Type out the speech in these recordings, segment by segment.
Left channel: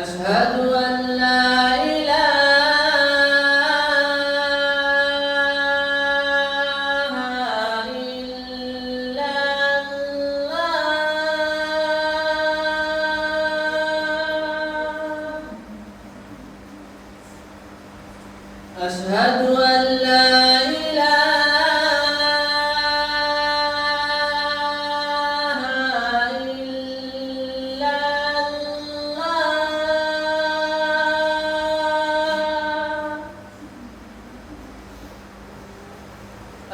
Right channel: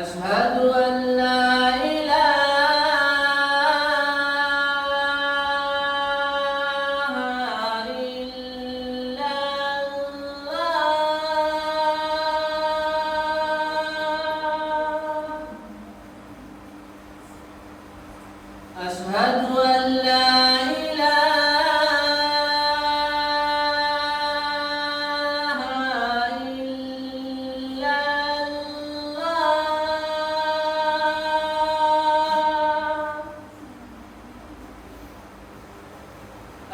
أشهد أن لا إله إلا الله. أشهد أن لا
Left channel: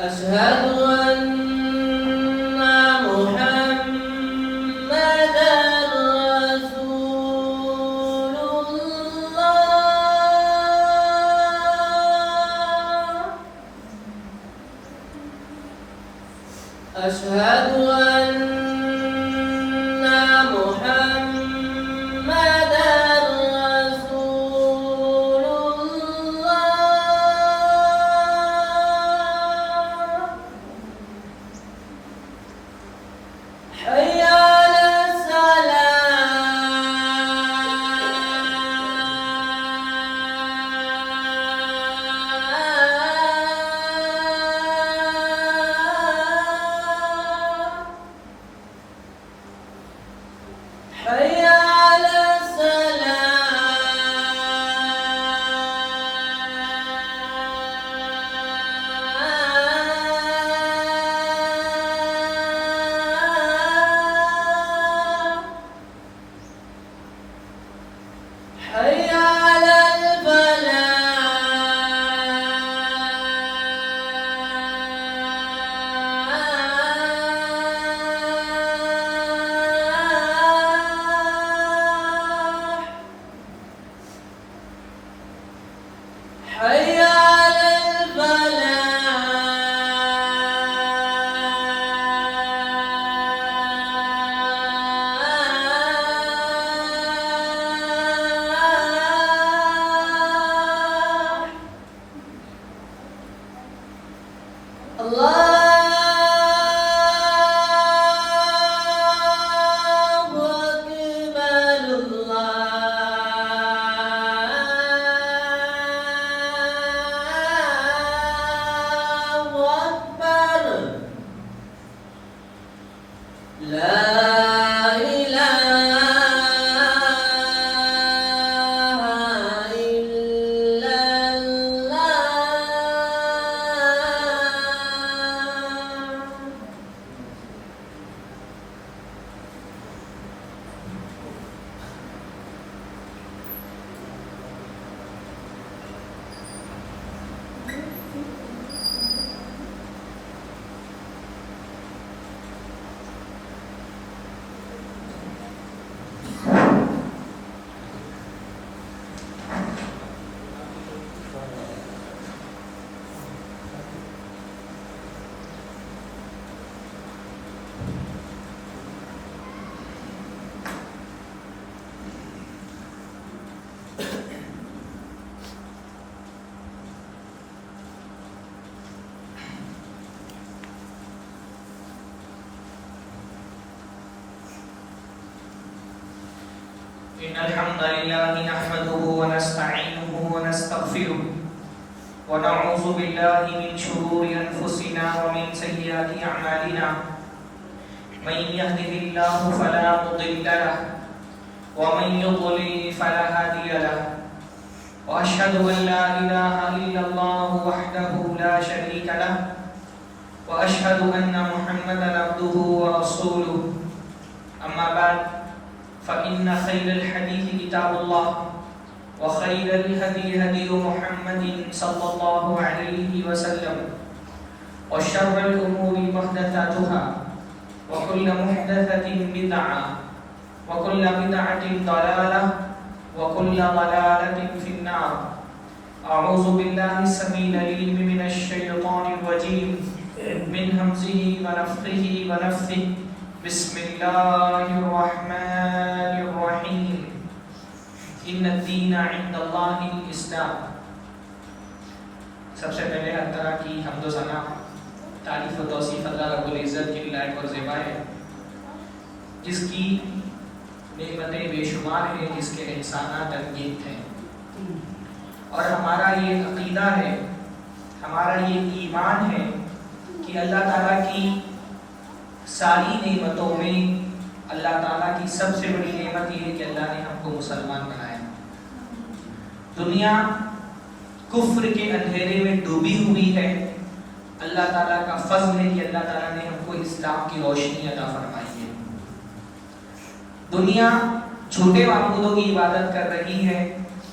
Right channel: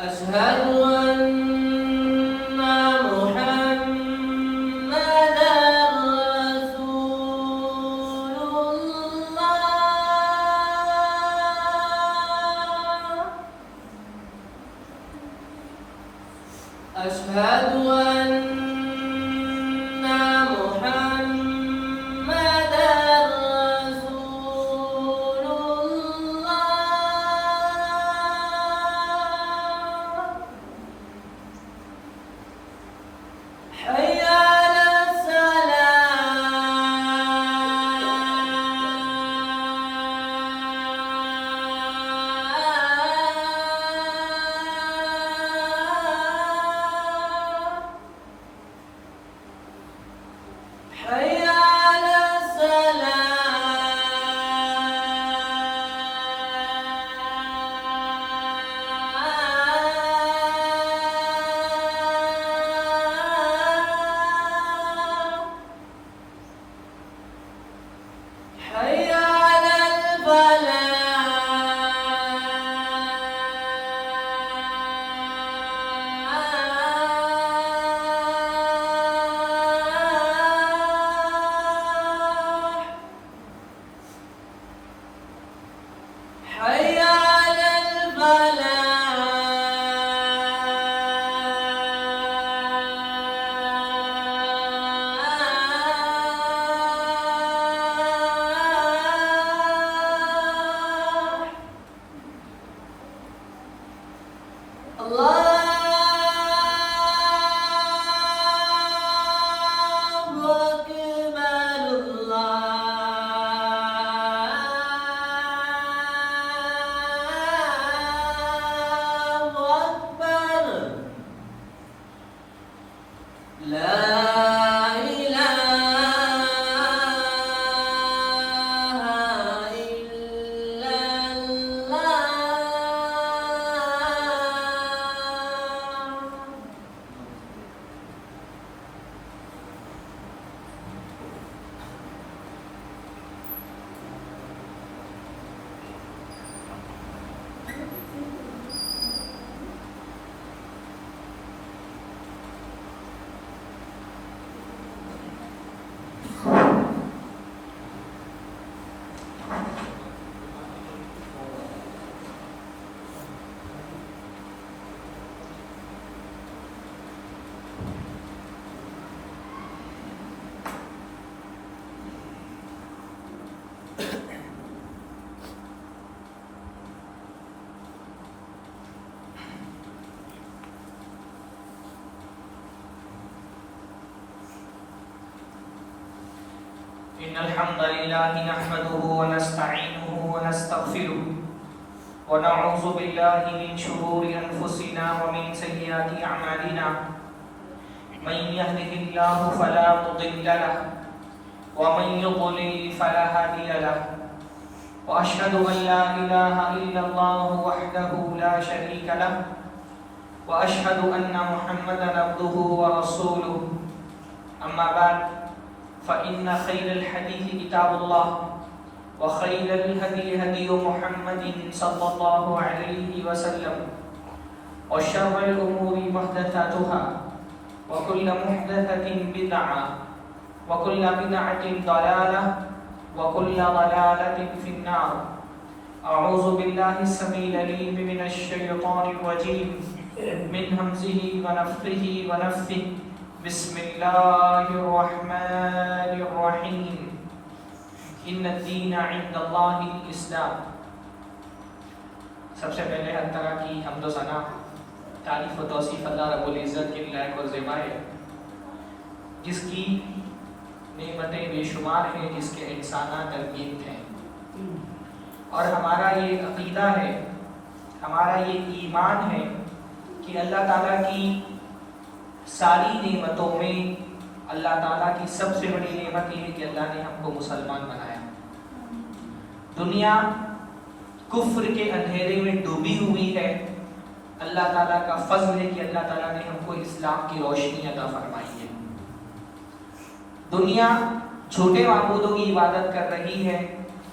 أشهد أن محمدًا رسول الله. أشهد أن محمدًا رسول الله. حي على الصلاة. حي على الصلاة. حي على الفلاح. حي على الفلاح. الله أكبر. الله أكبر. لا إله إلا الله. إن الحمد لله نحمده ونستعينه ونستغفره ونعوذ بالله من شرور أنفسنا ومن سيئات أعمالنا من يهده الله فلا مضل له ومن يضلل فلا هادي له وأشهد أن لا إله إلا الله وحده لا شريك له وأشهد أن محمدا عبده ورسوله أما بعد فإن خير الحديث كتاب الله وخير الهدي هدي محمد صلى الله عليه وسلم وشر الأمور محدثاتها وكل محدثة بدعة وكل بدعة ضلالة وكل ضلالة في النار. أعوذ بالله السميع العليم من الشيطان الرجيم من همزه ونفخه ونفثه. بسم الله الرحمن الرحيم. ان الدین عند اللہ الاسلام. سب سے پہلے ہر طرح کی حمد و ثنا تعریف و توصیف اللہ رب العزت کے لائق اور زیبا ہے، جس کی نعمتیں بے شمار ہیں، جس کے احسانات انگیت ہیں. اور ہمارا یہ عقیدہ ہے، ہمارا یہ ایمان ہے کہ اللہ تعالیٰ کی ساری نعمتوں میں اللہ تعالیٰ کی سب سے بڑی نعمت یہ ہے کہ اللہ نے ہم کو مسلمان بنایا. دنیا کفر کے اندھیرے میں ڈوبی ہوئی ہے، اللہ تعالیٰ کا فضل ہے کہ اللہ تعالیٰ نے ہم کو اسلام کی روشنی عطا فرمائی ہے. دنیا جھوٹے معبودوں کی عبادت کر رہی ہے،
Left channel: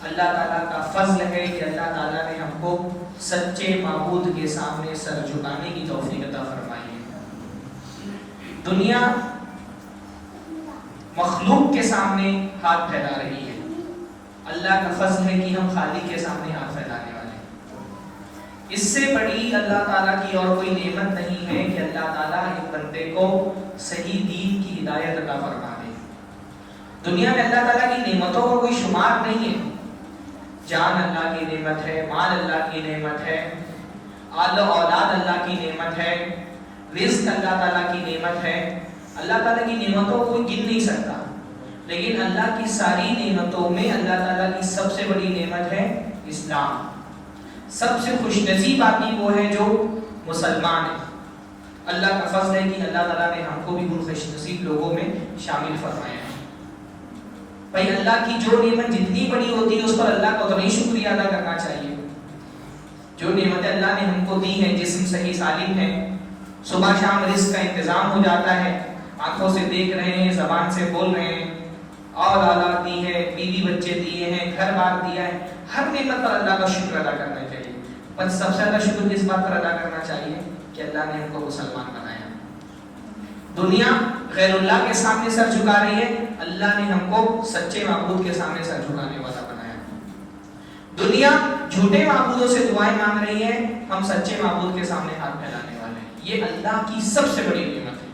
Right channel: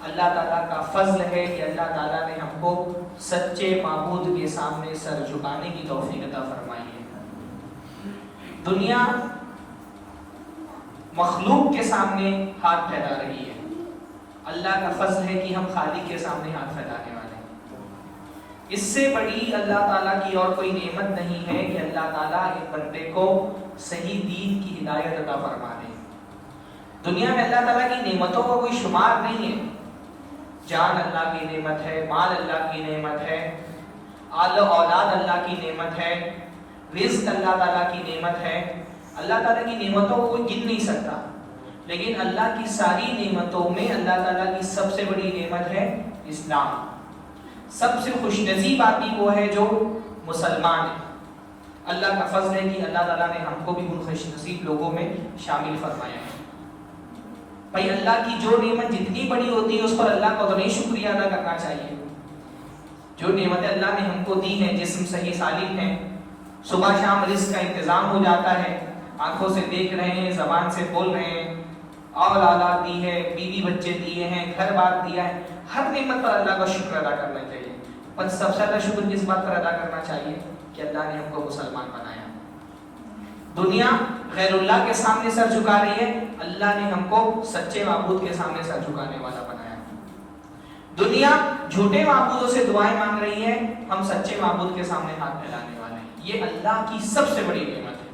اللہ تعالیٰ کا فضل ہے کہ اللہ تعالیٰ نے ہم کو سچے معبود کے سامنے سر جھکانے کی توفیق عطا فرمائی ہے. دنیا مخلوق کے سامنے ہاتھ پھیلا رہی ہے، اللہ کا فضل ہے کہ ہم خالق کے سامنے ہاتھ پھیلانے والے ہیں. اس سے بڑی اللہ تعالیٰ کی اور کوئی نعمت نہیں ہے کہ اللہ تعالیٰ ایک بندے کو صحیح دین کی ہدایت عطا فرما دے. دنیا میں اللہ تعالیٰ کی نعمتوں کو کوئی شمار نہیں ہے. جان اللہ کی نعمت ہے، مال اللہ کی نعمت ہے، آل و اولاد اللہ کی نعمت ہے، رزق اللہ تعالیٰ کی نعمت ہے. اللہ تعالیٰ کی نعمتوں کو کوئی گن نہیں سکتا، لیکن اللہ کی ساری نعمتوں میں اللہ تعالیٰ کی سب سے بڑی نعمت ہے اسلام. سب سے خوش نصیب آدمی وہ ہے جو مسلمان ہے. اللہ کا فضل ہے کہ اللہ تعالیٰ نے ہم کو بھی ان خوش نصیب لوگوں میں شامل فرمایا ہے. بھائی اللہ کی جو نعمت جتنی بڑی ہوتی ہے اس پر اللہ کو تو نہیں شکریہ ادا کرنا چاہیے. جو نعمتیں اللہ نے ہم کو دی ہیں، جسم صحیح سالم ہے، صبح شام رزق کا انتظام ہو جاتا ہے، آنکھوں سے دیکھ رہے ہیں، زبان سے بول رہے ہیں، اولاد دی ہے، بیوی بچے دیے ہیں، گھر بار دیا ہے، ہر نعمت پر اللہ کا شکر ادا کرنا چاہیے. پر سب سے زیادہ شکر کس بات پر ادا کرنا چاہیے کہ اللہ نے ہم کو مسلمان بنایا. دنیا غیر اللہ کے سامنے سر جھکا رہی ہے، اللہ نے ہم کو سچے معبود کے سامنے سر جھکانے والا بنایا. دنیا جھوٹے معبودوں سے دعائیں مانگ رہی ہے، ہم سچے معبود کے سامنے ہاتھ پھیلانے والے ہیں. یہ اللہ کی سب سے بڑی نعمت ہے.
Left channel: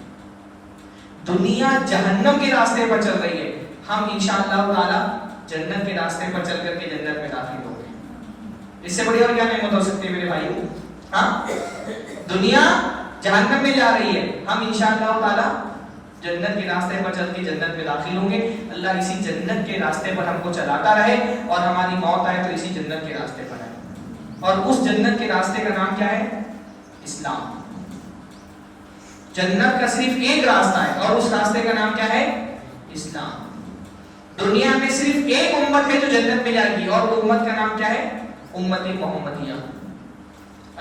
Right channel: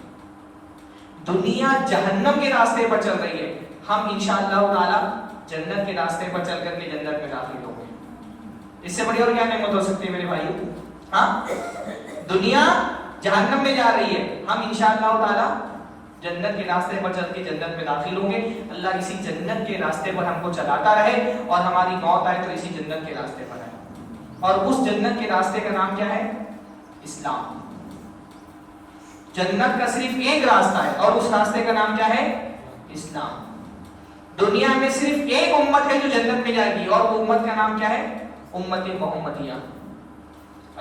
دنیا جہنم کے راستے پر چل رہی ہے، ہم انشاءاللہ تعالی جنت کے راستے پر چل کر کے جنت میں داخل ہوں گے. اس سے بڑی اور کیا نعمت ہو سکتی ہے میرے بھائی؟ ہاں، دنیا جہنم میں جا رہی ہے، ہم انشاءاللہ تعالی جنت کے راستے پر چل کے جنت میں داخل ہوں گے. اللہ اسی جنت کے راستے پر ہم کو چلاتا رہے اور ہماری موت آئے تو اسی جنت کے راستے پر آئے. اور اس جنت کے راستے کا نام کیا ہے؟ اسلام. جنت کا صرف ایک راستہ ہے اور اس راستے کا نام کیا ہے؟ اسلام. دنیا میں صرف ایک امت ہے جو جنت میں جائے گی اور وہ امت کا نام کیا ہے؟ امت محمدیہ.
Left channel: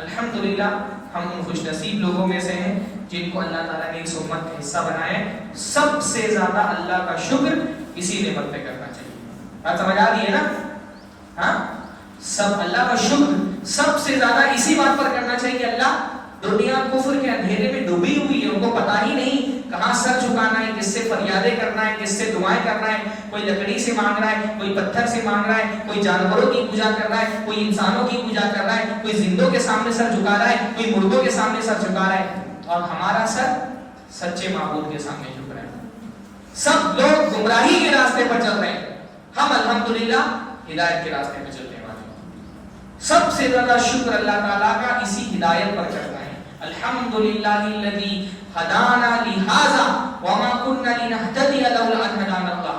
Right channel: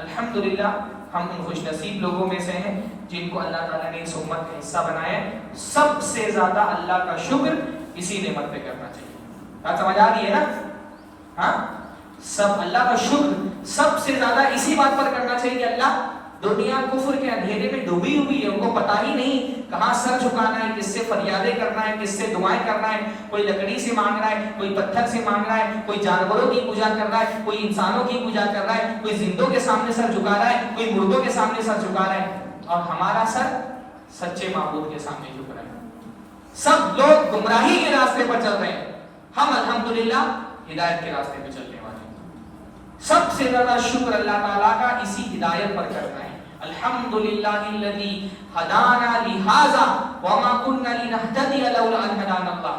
الحمدللہ ہم ان خوش نصیب لوگوں میں سے ہیں جن کو اللہ تعالیٰ نے اس امت کا حصہ بنایا ہے. سب سے زیادہ اللہ کا شکر اسی نعمت پہ کرنا چاہیے. بات سمجھ آ رہی ہے نا؟ ہاں، سب اللہ کا شکر سب سے زیادہ اسی بات پر کرنا چاہیے کہ اللہ دنیا کفر کے اندھیرے میں ڈوبی ہوئی ہے، ان کو پتہ ہی نہیں کہاں سر جھکانا ہے، کس سے فریادیں کرنا ہے، کس سے دعائیں کرنا ہے. کوئی لکڑی سے مانگ رہا ہے، کوئی پتھر سے مانگ رہا ہے، کوئی جانوروں کی پوجا کر رہا ہے، کوئی انسانوں کی پوجا کر رہا ہے، کوئی زندوں کے سامنے سر جھکا رہا ہے، کوئی مردوں کے سامنے سر جھکا رہا ہے. اور ہمارا سر سچے معبود کے سامنے جھک رہا ہے. سب لوگ گمراہی کے راستے پر چل رہے ہیں، ہم الحمدللہ ہدایت کے راستے پر چلنے والے ہیں. سب سے زیادہ شکر اللہ تعالیٰ کا اسی ہدایت پر کرنا ہے. الحمدللہ الذی ہدانا لہذا وما كنا لنهتدی لولا ان ہدانا اللہ.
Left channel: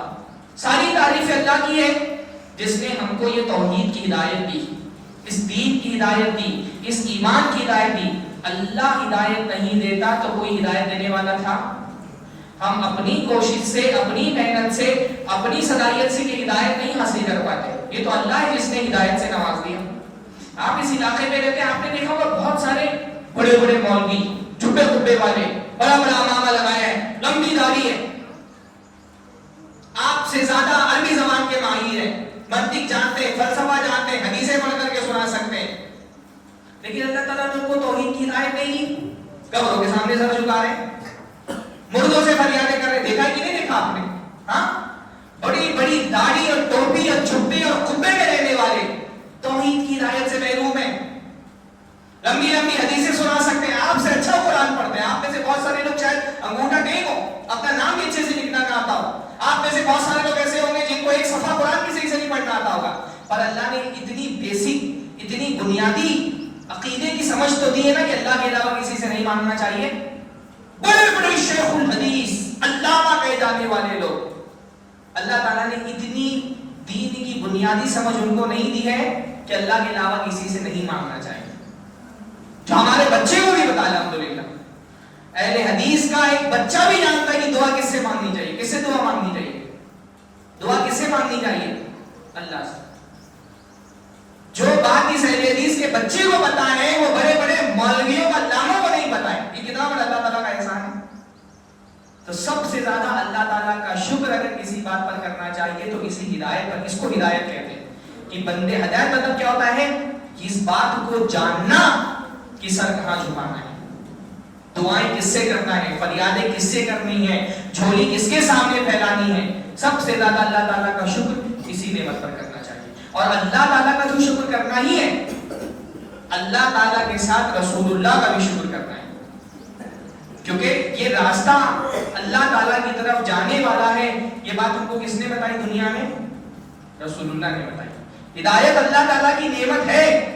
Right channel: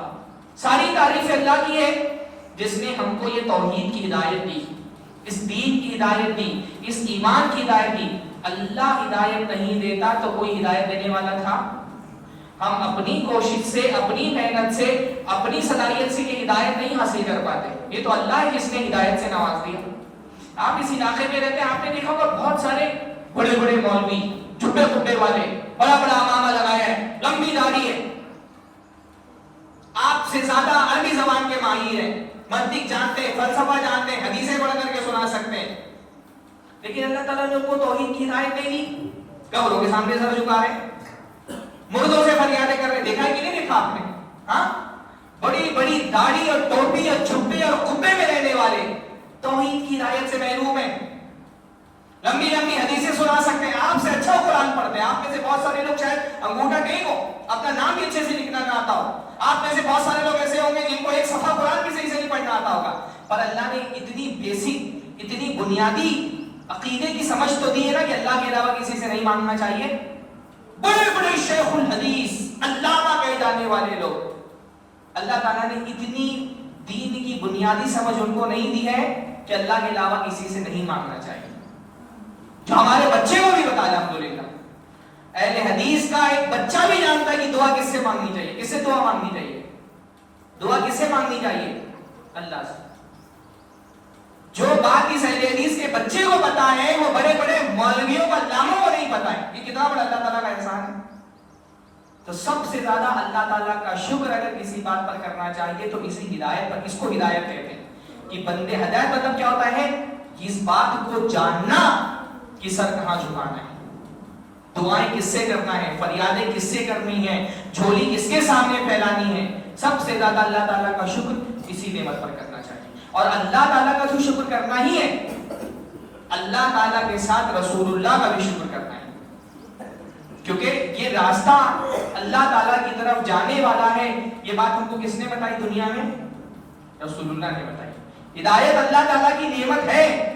ساری تعریف اللہ کی ہے جس نے ہم کو یہ توحید کی ہدایت دی، اس دین کی ہدایت دی، اس ایمان کی ہدایت دی. اللہ ہدایت نہیں دیتا تو کوئی ہدایت دینے والا تھا؟ ہم اپنی کوشش سے، اپنی محنت سے، اپنی صلاحیت سے یہ ہدایت نہیں حاصل کر پاتے. یہ تو اللہ ہے جس نے ہدایت سے نواز دیا. آپ اس علاقے میں رہتے ہیں، آپ نے دیکھا ہوگا بہت سارے بڑے بڑے مولوی، چھوٹے چھوٹے والے، بڑا بڑا امامہ لگایا ہے، لمبی داڑھی ہے، آپ سے زیادہ عربی زبان کے ماہر ہیں، منطق جانتے ہیں، فلسفہ جانتے ہیں، حدیثیں پڑھ کر کے سنا سکتے ہیں. لیکن اللہ تعالیٰ نے ان کو توحید کی ہدایت نہیں دی. قبروں کے سامنے سر جھکا رہے، مردوں سے فریادیں کر رہے. دیکھا ہے کہ نہیں دیکھا آپ نے؟ ہاں، بڑی بڑی داڑھی اور ٹوپی اور جھبے اور قبے میں رہنے والے توحید کی ہدایت سے محروم ہیں. لمبی لمبی حدیثیں سنا سکتے ہیں، آپ سے اچھا قرآن پڑھتے ہیں. آپ میں سے بہت سارے لوگ شاید انگوٹھا نہیں ہو، اپنا نام بھی اچھے سے لکھنا نہ آتا ہو. آپ میں سے بہت سارے لوگ ایسے ہوں گے جن کو ایک صفحہ قرآن کی صحیح سے نہیں پڑھنا آتا ہوگا. پر اللہ نے اتنی بیسک، اتنی بنیادی عقیدے کی سمجھ تو دی ہے نا کہ اللہ کے علاوہ کسی سے نہیں مانگنا چاہیے. بڑے بڑے شیخ الحدیث، علامہ کہے جانے والے لوگ، اللہ تعالیٰ نے اتنی دین کی بنیادی سمجھ ان کو نہیں دی ہے کہ اللہ کے علاوہ کسی سے نہیں مانگنا چاہیے. جو ہمارے بچے کو بھی بتا الحمدللہ، اہل حدیث کا ایک بچہ بھی جانتا ہے کہ دعا کس سے مانگنی چاہیے. کس سے دعا مانگنی چاہیے؟ دعا کس سے مانگنی چاہیے؟ اللہ سے. جو بات اس اہل حدیث کے بچے کو پتا ہے وہ بڑے بڑے مولویوں کا علاموں کو نہیں پتا ہے. یہ کتنا بڑا اللہ تعالیٰ کا احسان ہے. تو سب سے زیادہ اللہ تعالیٰ کا شکر اگر کسی بات پر کرنا چاہیے تو اسی ہدایت پر. اس کو ہدایت کہتے ہیں کہ بندے ہدایت مطلب کیا ہوتا ہے کہ اس بات کو جاننا کہ سر کہاں جھکانا ہے، دعائیں کس سے کرنا ہے، فریادیں کس سے کرنی ہے، جھولی کس کے سامنے پھیلانی ہے. سب سے زیادہ اللہ تعالیٰ کا شکر اسی نعمت پر کرنا چاہیے. اور اللہ تعالیٰ کا تو شکر کرنا ہی ہے، اللہ تعالیٰ کے ساتھ رسول اللہ کا بھی شکر کرنا ہے. کیونکہ یہ راستہ اللہ تعالیٰ کی طرف جانے والا ہے. یہ بات ان کو کس نے بتائی دنیا میں؟ رسول اللہ نے بتائی. ہدایت اللہ تعالیٰ کی نعمت ہے،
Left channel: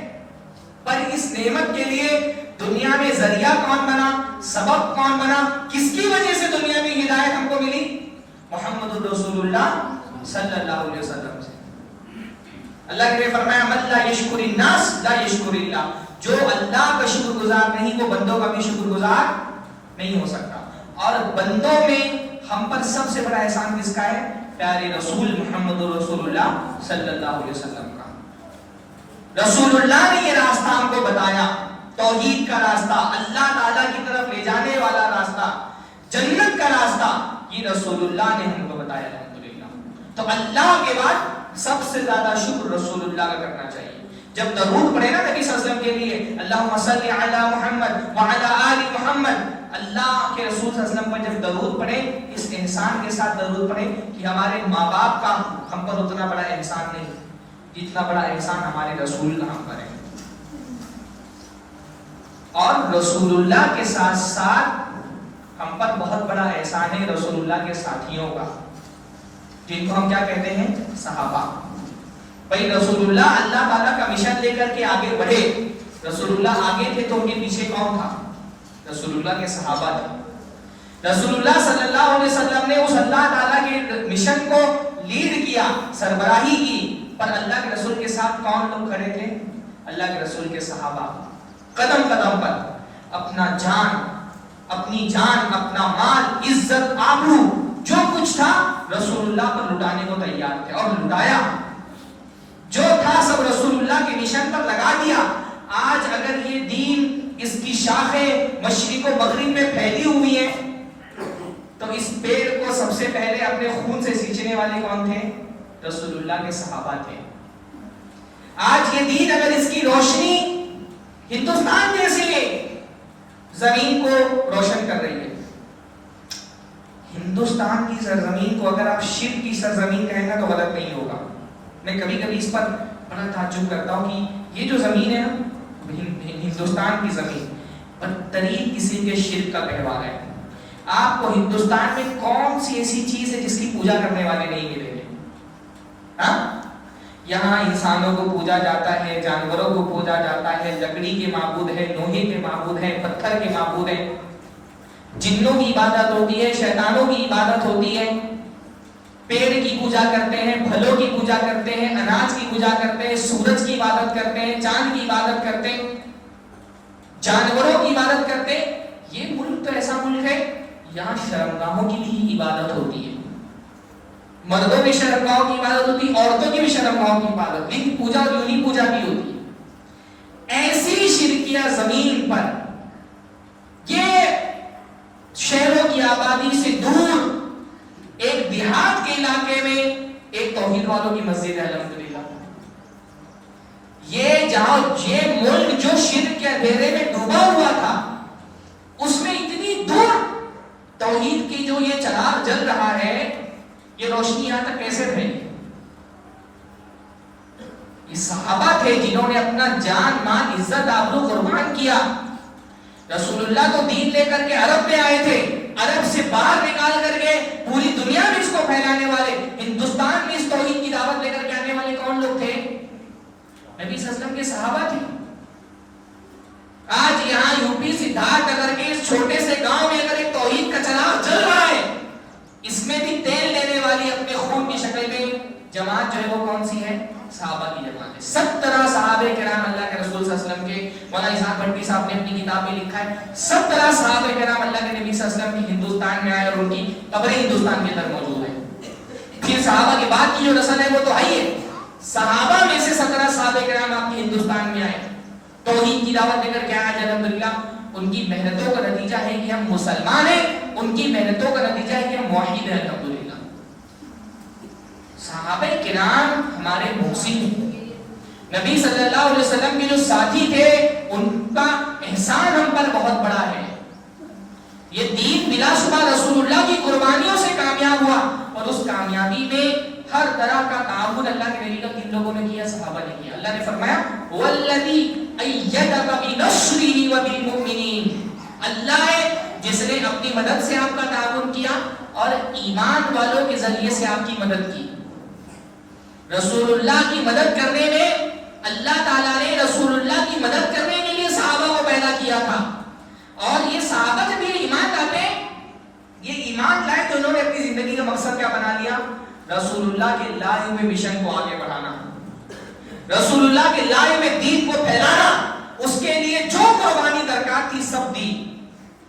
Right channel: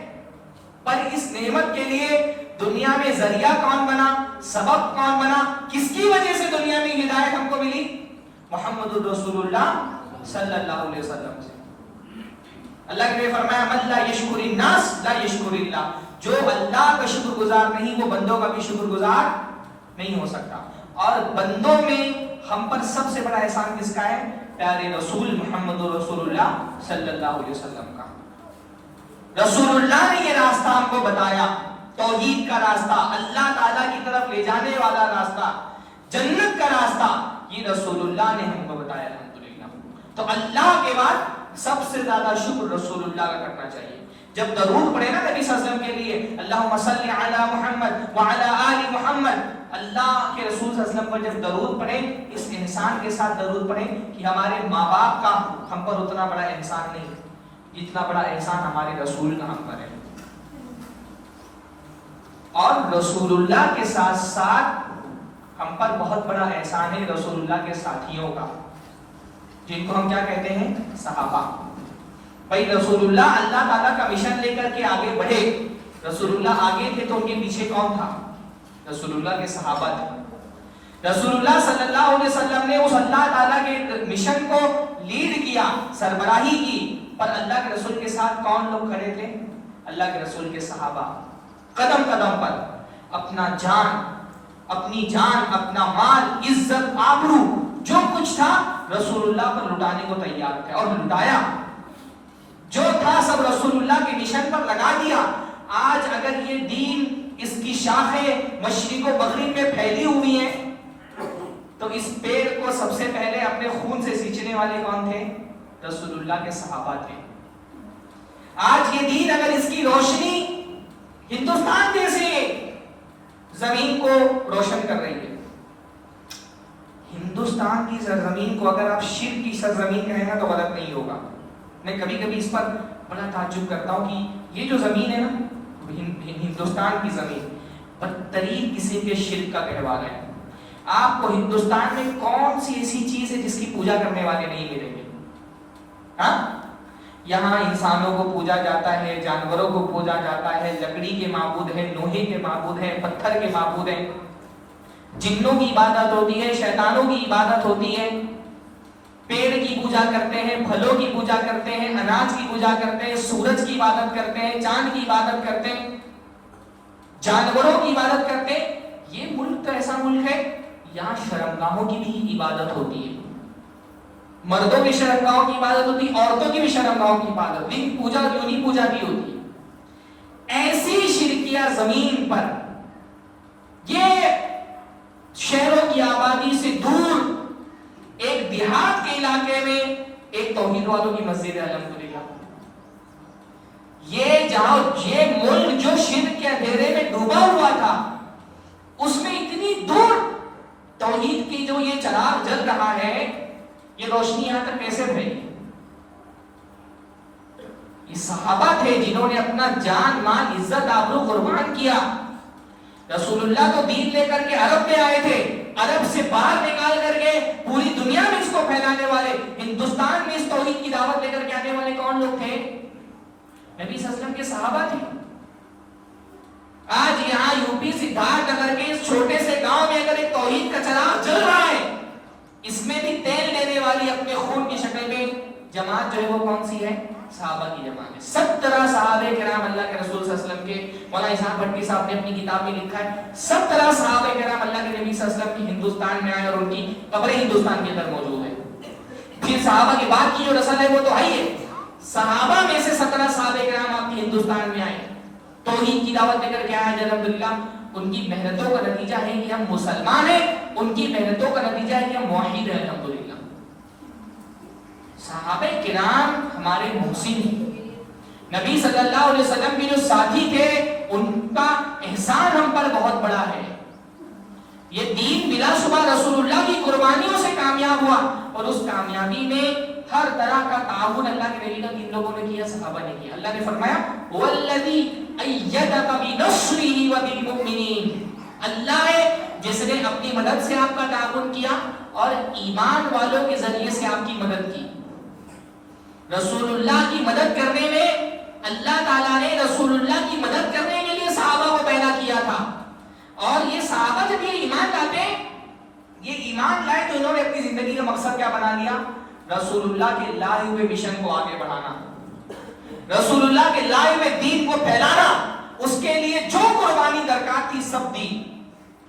پر اس نعمت کے لیے دنیا میں ذریعہ کون بنا، سبب کون بنا، کس کی وجہ سے دنیا میں ہدایت ہم کو ملی؟ محمد الرسول اللہ صلی اللہ علیہ وسلم سے. اللہ نے فرمایا من لا یشکر الناس لا یشکر اللہ. جو اللہ کا شکر گزار نہیں وہ بندوں کا بھی شکر گزار نہیں ہو سکتا. اور بندوں میں ہم پر سب سے بڑا احسان کس کا ہے؟ پیارے رسول محمد رسول اللہ صلی اللہ علیہ وسلم کا. رسول اللہ نے یہ راستہ ہم کو بتایا، توحید کا راستہ، اللہ تعالیٰ کی طرف لے جانے والا راستہ، جنت کا راستہ، یہ رسول اللہ نے ہم کو بتایا الحمدللہ. تو اللہ کے بعد سب سے زیادہ شکر رسول اللہ کا کرنا چاہیے. جب درود پڑھے نا نبی صلی اللہ علیہ وسلم کے لیے، اللہم صلی علی محمد وعلی آل محمد، اللہ کے رسول صلی اللہ علیہ وسلم پر جب درود پڑھے اس احسان کے ساتھ درود پڑھے کہ ہمارے ماں باپ کا ہم پر اتنا بڑا احسان نہیں جتنا بڑا احسان ہمارے رسول کا ہم پر ہے. اور رسول اللہ کے ساتھ ساتھ ہم پر بہت بڑا احسان ہے رسول اللہ کے ساتھیوں کا، جن کو ہم کیا کہتے ہیں؟ صحابہ. بھائی رسول اللہ اللہ تعالیٰ کا مشن لے کر کے آگے بڑھے. رسول اللہ آگے تھے تو ان کے پیچھے کون تھا؟ رسول اللہ کے صحابہ تھے. رسول اللہ صلی اللہ علیہ وسلم نے اس اللہ تعالیٰ کے مشن کو لیڈ کیا، سربراہی کی. پر اللہ کے رسول کے ساتھ کون لوگ کھڑے تھے؟ اللہ کے رسول کے صحابہ. قدم قدم پر اپنا اپنی جان، اپنا مال، عزت، آبرو، جو کچھ تھا رسول اللہ پر لٹانے کو تیار تھے اور لٹایا. جو تھا سب رسول اللہ کے مشن پر لگا دیا. آج اگر یہ دین، اس کی شاخیں مشرق و مغرب میں پھیلی ہوئی ہیں تو اس پیڑ کو سب سے پہلے اپنے خون سے سینچنے والے کون تھے؟ رسول اللہ کے صحابہ تھے. آج یہ دین اگر اس کی روشنی ہندوستان جیسے زمین کو روشن کر رہی ہے، ہندوستان کی سرزمین کو اگر آپ شرک کی سرزمین کہیں گا تو غلط نہیں ہوگا. میں کبھی کبھی اس پر بڑا تعجب کرتا ہوں کہ یہ جو زمین ہے نا ہندوستان کی زمین بدترین قسم کے شرک کا گہوارہ ہے. آپ کو ہندوستان میں کون سی ایسی چیز ہے جس کی پوجا کرنے والے نہیں ملیں گے؟ ہاں، یہاں انسانوں کو پوجا جاتا ہے، جانوروں کو پوجا جاتا ہے، لکڑی کے معبود ہیں، لوہے کے معبود ہیں، پتھر کے معبود ہیں، جنوں کی عبادت ہوتی ہے، شیطانوں کی عبادت ہوتی ہے. پیڑ کی پوجا کرتے ہیں، پھلوں کی پوجا کرتے ہیں، اناج کی پوجا کرتے ہیں، سورج کی عبادت کرتے ہیں، چاند کی عبادت کرتے ہیں، جانوروں کی عبادت کرتے ہیں. یہ ملک تو ایسا ملک ہے یہاں شرمگاہوں کی بھی عبادت ہوتی ہے. مردوں کی شرمگاہوں کی عبادت ہوتی ہے، عورتوں کی بھی شرمگاہوں کی عبادت ہوتی ہے، پوجا یونی پوجا بھی ہوتی ہے. ایسی شرکیہ زمین پر یہ شہروں کی آبادی سے دور ایک دیہات کے علاقے میں ایک توحید والوں کی مسجد ہے الحمدللہ. یہ جہاں یہ ملک جو شرک کے اندھیرے میں ڈوبا ہوا تھا اس میں اتنی دور توحید کی جو یہ چراغ جل رہا ہے، یہ روشنی یہاں تک کیسے پھیلی؟ یہ صحابہ تھے جنہوں نے اپنا جان مال عزت آبرو قربان کیا. رسول اللہ کو دین لے کر کے عرب میں آئے تھے، عرب سے باہر نکال کر کے پوری دنیا میں اس کو پھیلانے والے، ہندوستان میں اس توحید کی دعوت لے کر کے آنے والے کون لوگ تھے؟ نبی صلی اللہ علیہ وسلم کے صحابہ تھے. آج یہاں یو پی سدھارتھ نگر کے اس چھوٹے سے گاؤں میں اگر ایک توحید کا چراغ جل رہا ہے، اس میں بھی تیل دینے والی اپنے خون کی شکل میں جماعت جو ہے وہ کون سی ہے؟ صحابہ کی جماعت ہے. 17 صحابہ کرام اللہ کے رسول صلی اللہ علیہ وسلم کے، مولانا احسان بھٹی صاحب نے اپنی کتاب میں لکھا ہے 17 صحابہ کرام اللہ کے نبی صلی اللہ علیہ وسلم کی ہندوستان میں آئے اور ان کی قبریں ہندوستان کے اندر موجود ہے. پھر صحابہ کے بعد کی جو نسل ہے وہ تو آئی ہے، صحابہ میں سے 17 صحابہ کرام آپ کے ہندوستان میں آئے، توحید کی دعوت دے کر کے آئے. الحمدللہ ان کی محنتوں کا نتیجہ ہے کہ ہم مسلمان ہیں، ان کی محنتوں کا نتیجہ ہے کہ ہم موحد ہیں. الحمدللہ صحابہ کرام ہمارے محسن ہیں. نبی صلی اللہ علیہ وسلم کے جو ساتھی تھے ان کا احسان ہم پر بہت بڑا ہے. یہ دین بلا شبہ رسول اللہ کی قربانیوں سے کامیاب ہوا، اور اس کامیابی میں ہر طرح کا تعاون اللہ کے نبی کا کن لوگوں نے کیا؟ صحابہ نے کیا. اللہ نے فرمایا والذی ایدک بنصرہ وبالمؤمنین، اللہ ہے جس نے اپنی مدد سے آپ کا تعاون کیا اور ایمان والوں کے ذریعے سے آپ کی مدد کی. رسول اللہ کی مدد کرنے میں اللہ تعالیٰ نے رسول اللہ کی مدد کرنے کے لیے صحابہ کو پیدا کیا تھا. اور یہ صحابہ جب یہ ایمان لاتے ہیں، یہ ایمان لائے تو انہوں نے اپنی زندگی کا مقصد کیا بنا لیا؟ رسول اللہ کے لائے ہوئے مشن کو آگے بڑھانا، رسول اللہ کے لائے ہوئے دین کو پھیلانا. اس کے لیے جو قربانی درکار تھی سب دی.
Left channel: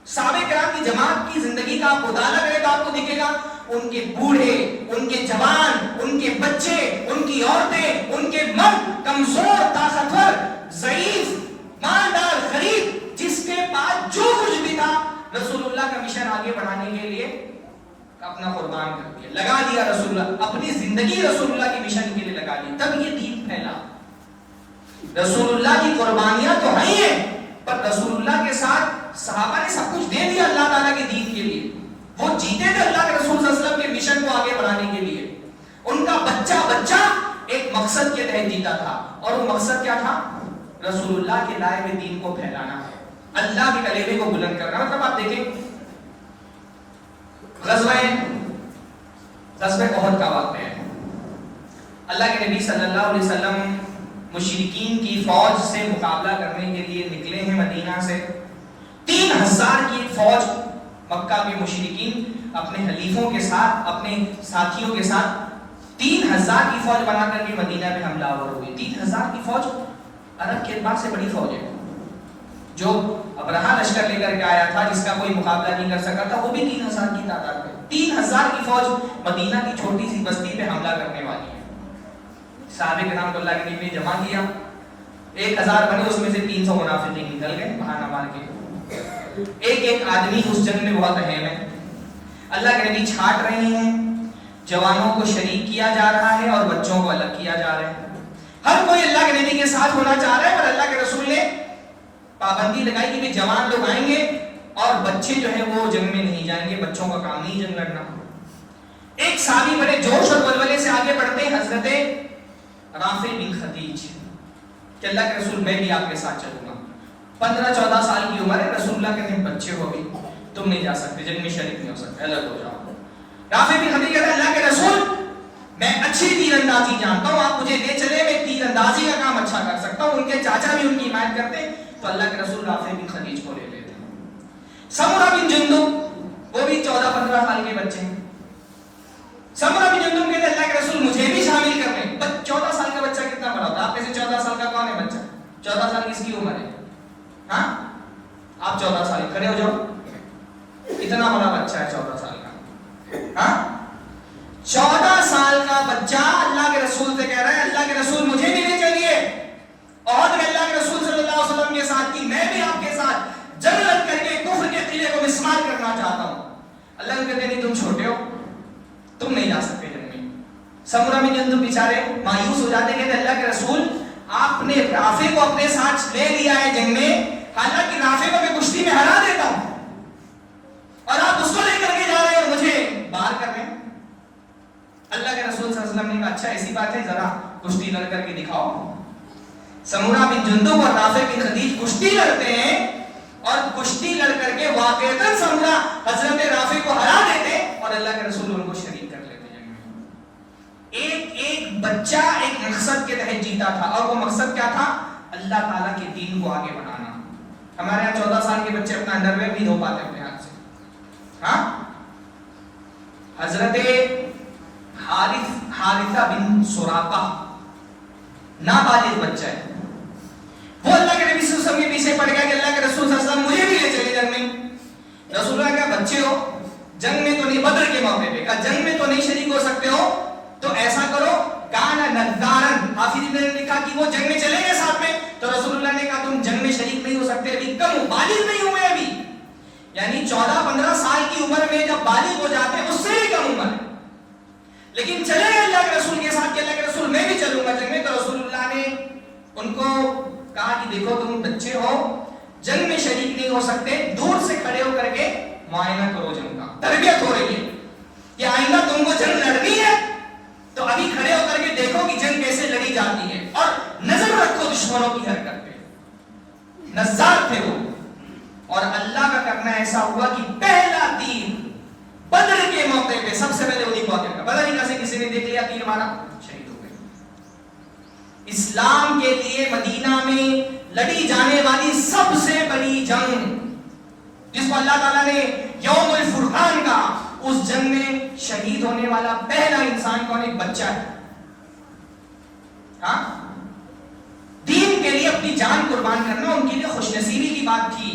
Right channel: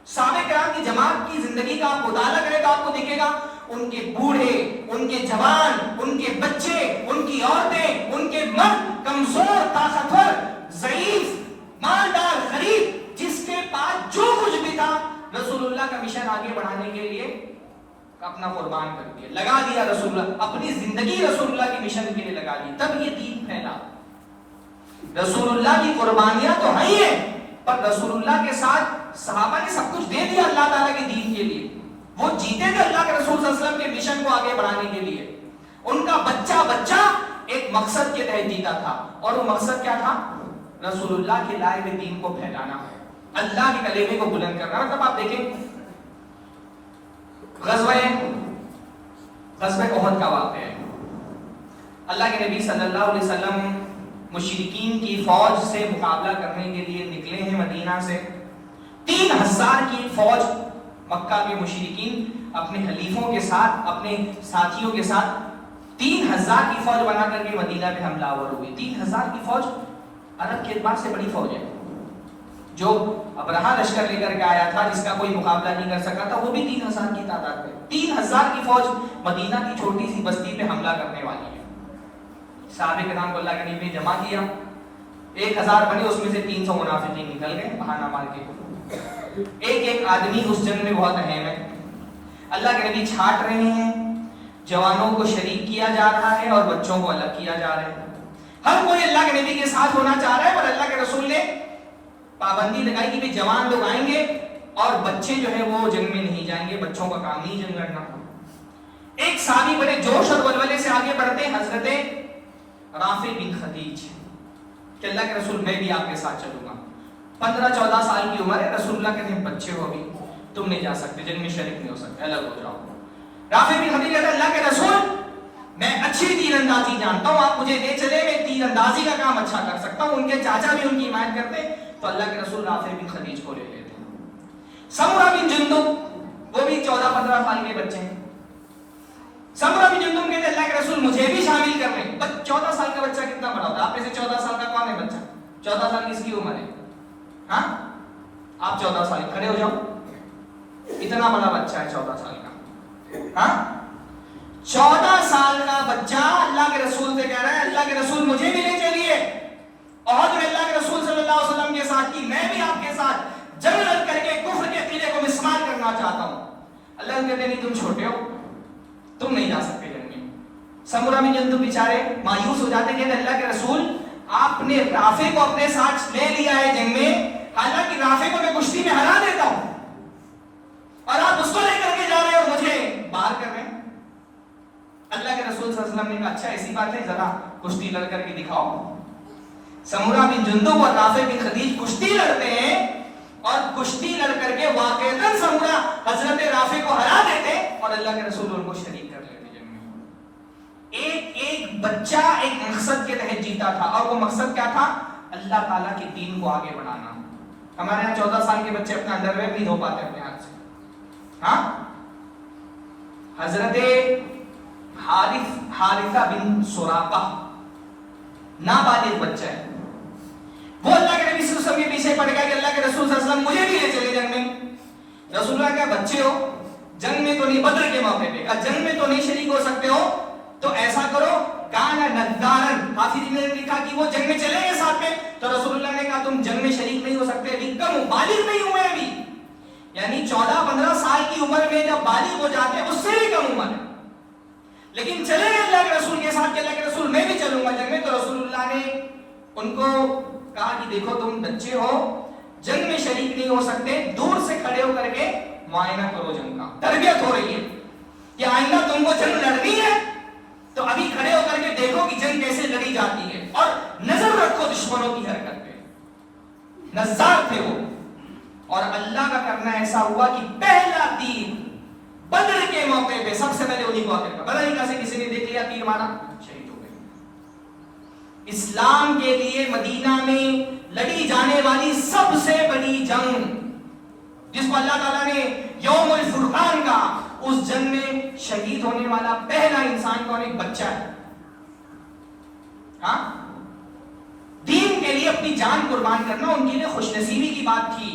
صحابہ کرام کی جماعت کی زندگی کا آپ مطالعہ کریں تو آپ کو دکھے گا ان کے بوڑھے، ان کے جوان، ان کے بچے، ان کی عورتیں، ان کے مرد، کمزور، طاقتور، ضعیف، مالدار، غریب، جس کے پاس جو کچھ بھی تھا رسول اللہ کا مشن آگے بڑھانے کے لیے اپنا قربان کر دیا، لگا دیا. رسول اللہ اپنی زندگی رسول اللہ کے مشن کے لیے لگا دی، تب یہ دین پھیلا. رسول اللہ کی قربانیاں تو ہیں ہیں، پر رسول اللہ کے ساتھ صحابہ نے سب کچھ دے دیا اللہ تعالیٰ کے دین کے لیے. وہ جیتے تھے اللہ کے رسول صلی اللہ علیہ وسلم کے مشن کو آگے بڑھانے کے لیے. ان کا بچہ ایک مقصد کے تحت جیتا تھا، اور وہ مقصد کیا تھا؟ رسول اللہ کے لائے ہوئے دین کو پھیلانا ہے، اللہ کے کلمے کو بلند کرنا. مطلب آپ دیکھیں غزوہ احد کا واقعہ ہے. اللہ کے نبی صلی اللہ علیہ وسلم مشرکین کی فوج سے مقابلہ کرنے کے لیے نکلے ہیں مدینہ سے. 3000 کی فوج مکہ کے مشرکین اپنے حلیفوں کے ساتھ، اپنے ساتھیوں کے ساتھ 3000 کی فوج بنا کر کے مدینہ میں حملہ آور ہوئی. 3000 کی فوج عرب کے اعتبار سے بڑی فوج ہے. جو ابرہہ لشکر لے کر کے آیا تھا جس کا کوئی مقابلہ نہیں کر سکا تھا، وہ بھی 3000 کی تعداد میں. 3000 کی فوج مدینہ کی چھوٹی سی بستی پہ حملہ کرنے والی ہے. صحابہ کرام کو اللہ کے نبی نے جمع کیا، 1000 بنے، اس میں سے 300 منافقین نکل گئے بہانہ مار کے. ایک آدمی اس جنگ میں بہت اہم ہے. اللہ کے نبی چھانٹ رہے ہیں، جوانوں کو شریک کیا جا رہا ہے اور بچوں کو الگ کیا جا رہا ہے. ہر کوئی اللہ کے نبی کے ساتھ ہونا چاہ رہا ہے، پر اللہ کے رسول نے پابندی لگائی کہ جوان لوگ آئیں گے اور بچے جو ہیں وہ جنگ میں نہیں جائیں گے، بچوں کا کام نہیں جنگ لڑنا. ایک صحابی بڑے جوش اور ولولے سے آگے بڑھتے ہیں، حضرت رافع بن خدیج، کہ اللہ کے رسول میں بھی آپ کے ساتھ چلوں گا. 15-14 سال کی عمر ہے، رسول اللہ کہتے ہیں بچے ہو گئے، تم نہیں جا سکتے، جنگ میں شریک نہیں ہو سکتے، الگ ہو جاؤ. رافع بن خدیج کہتا ہے اللہ کے رسول میں اچھی تیر اندازی جانتا ہوں، آپ مجھے لے چلے، میں تیر اندازی کا کام اچھا کر سکتا ہوں. ان کے چاچا بھی ان کی حمایت کرتے، تو اللہ کے رسول رافع بن خدیج کو لے لیتے. سمرہ بن جندب وہ بھی 14-15 سال کے بچے ہیں. سمرہ بن رسول مجھے بھی شامل کر لیں. 14 سال کا بچہ کتنا بڑا ہوتا ہے؟ آپ میں سے 14 سال کا کون ہے بچہ؟ 14 سال کس کی عمر ہے؟ ہاں آپ 14 سال کھڑے ہو جاؤ. اتنا بڑا بچہ ہے 14 سال کا. ہاں 14 سال کا بچہ اللہ کے رسول سے کہہ رہا ہے اللہ کے رسول مجھے بھی لے چلیے. عہد میں اللہ کے رسول صلی اللہ علیہ وسلم کے ساتھ کی, میں بھی آپ کے ساتھ جنگ لڑ کر کے کفر کے قلعے کو مسمار کرنا چاہتا ہوں. اللہ نے کہتے نہیں تم چھوٹے ہو, تم نہیں جا سکتے جنگ میں. سمورہ میں جن تم بیچارے مایوس ہو جاتے ہیں کہ اللہ کے رسول آپ نے رافع کو اپنے ساتھ لے لیا ہے جنگ میں, حالانکہ رافع کو میں کشتی میں ہرا دیتا ہوں اور آپ اس کو لے کر کے جا رہے ہیں اور مجھے باہر کر رہے ہیں. اللہ کے رسول صلی اللہ علیہ وسلم نے کہا اچھا ایسی بات ہے ذرا کشتی لڑ کر کے دکھاؤ. سمورہ بن جندب اور رافع بن خدیج کشتی لڑتے ہیں اور کشتی لڑ کر کے واقعتاً سمورہ حضرت رافع کو ہرا دیتے اور اللہ کے رسول ان کو شریک کر لیتے جنگ میں. ایک بچہ ایک مقصد کے تحت جیتا تھا اور وہ مقصد کیا تھا؟ اللہ تعالیٰ کے دین کو آگے بڑھانا. ہمارے یہاں 14 سال کے بچے اپنا انڈر ویئر نہیں دھو پاتے اپنے ہاتھ سے. ہاں حضرت حارثہ بن سراقہ نابالغ بچہ ہے, وہ اللہ کے نبی صلی اللہ علیہ وسلم کے پیچھے پڑ گیا کہ اللہ کے رسول صلی اللہ علیہ وسلم مجھے بھی لے چلے جنگ میں. رسول اللہ کہا بچے ہو جنگ میں تو نہیں, بدر کے موقع پہ کہا جنگ میں تو نہیں شریک ہو سکتے ہو تو ایسا کرو کانا نذارن, حافظ نے لکھا کہ وہ جنگ میں چلے گئے ساتھ میں. تو رسول اللہ نے کہا تم جنگ میں شریک نہیں ہو سکتے, ابھی کم بالغ نہیں ہوئے ابھی, یعنی 14-15 سال کی عمر میں جب بالغ ہو جاتے ہیں اس سے بھی کم عمر ہے, لیکن چلے گئے اللہ کے رسول کے ساتھ کہ اللہ کے رسول میں بھی چلوں گا جنگ میں. تو رسول اللہ نے ان کو کہا کہ دیکھو تم بچے ہو جنگ میں شریک نہیں ہو سکتے, دور سے کھڑے ہو کر کے معائنہ کرو جنگ کا. تربیت ہو رہی ہے کہ آئندہ تم کو جنگ لڑنی ہے تو ابھی کھڑے ہو کر کے دیکھو کہ جنگ کیسے لڑی جاتی ہے اور نظر رکھو دشمنوں کی حرکت پہ. نظار تھے وہ, اور اللہ کا کرنا ایسا ہوا کہ پہلا تیر بدر کے موقع پہ سب سے پہلے انہیں موقع پہ بدر ہی سے کسی نے دیکھ لیا تیر مارا شہید ہو گئے. اسلام کے لیے مدینہ میں لڑی جانے والی سب سے بڑی جنگ جس کو اللہ تعالیٰ نے یوم الفرقان کا, اس جنگ میں شہید ہونے والا پہلا انسان کون ہے؟ بچہ ہے. ہاں دین کے لیے اپنی جان قربان کرنا ان کے لیے خوش نصیبی کی بات تھی.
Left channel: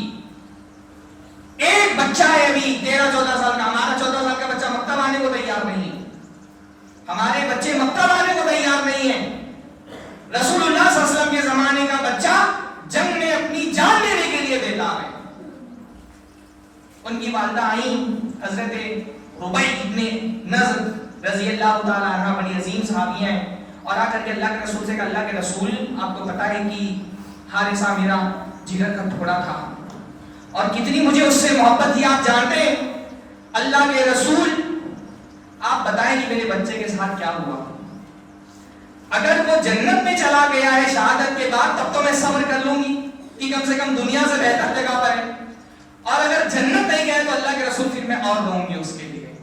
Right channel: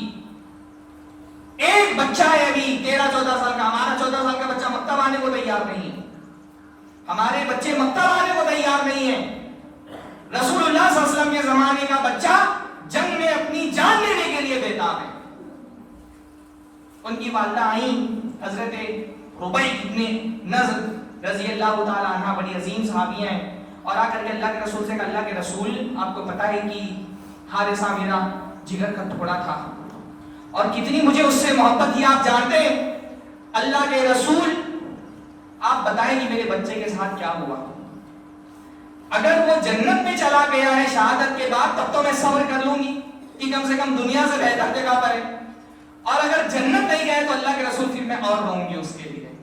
ایک بچہ ہے ابھی 13-14 سال کا, ہمارا 14 سال کا بچہ مکتب آنے کو تیار نہیں ہے, ہمارے بچے مکتب آنے کو تیار نہیں ہیں. رسول اللہ صلی اللہ علیہ وسلم کے زمانے کا بچہ جنگ میں اپنی جان لینے کے لیے بیدار ہے. ان کی والدہ آئیں حضرت ربیع ابن نضر رضی اللہ تعالیٰ عنہ, بڑی عظیم صحابی ہیں, اور آ کر کے اللہ کے رسول سے کہا اللہ کے رسول آپ کو پتہ ہے کہ حارثہ میرا جگر کا ٹکڑا تھا اور کتنی مجھے اس سے محبت تھی آپ جانتے ہیں. اللہ کے رسول آپ بتائیں کہ میرے بچے کے ساتھ کیا ہوا. اگر وہ جنت میں چلا گیا ہے شہادت کے بعد تب تو میں صبر کر لوں گی کہ کم سے کم دنیا سے بہتر جگہ پر ہے, اور اگر جنت نہیں گیا تو اللہ کے رسول پھر میں اور رہوں گی اس کے لیے.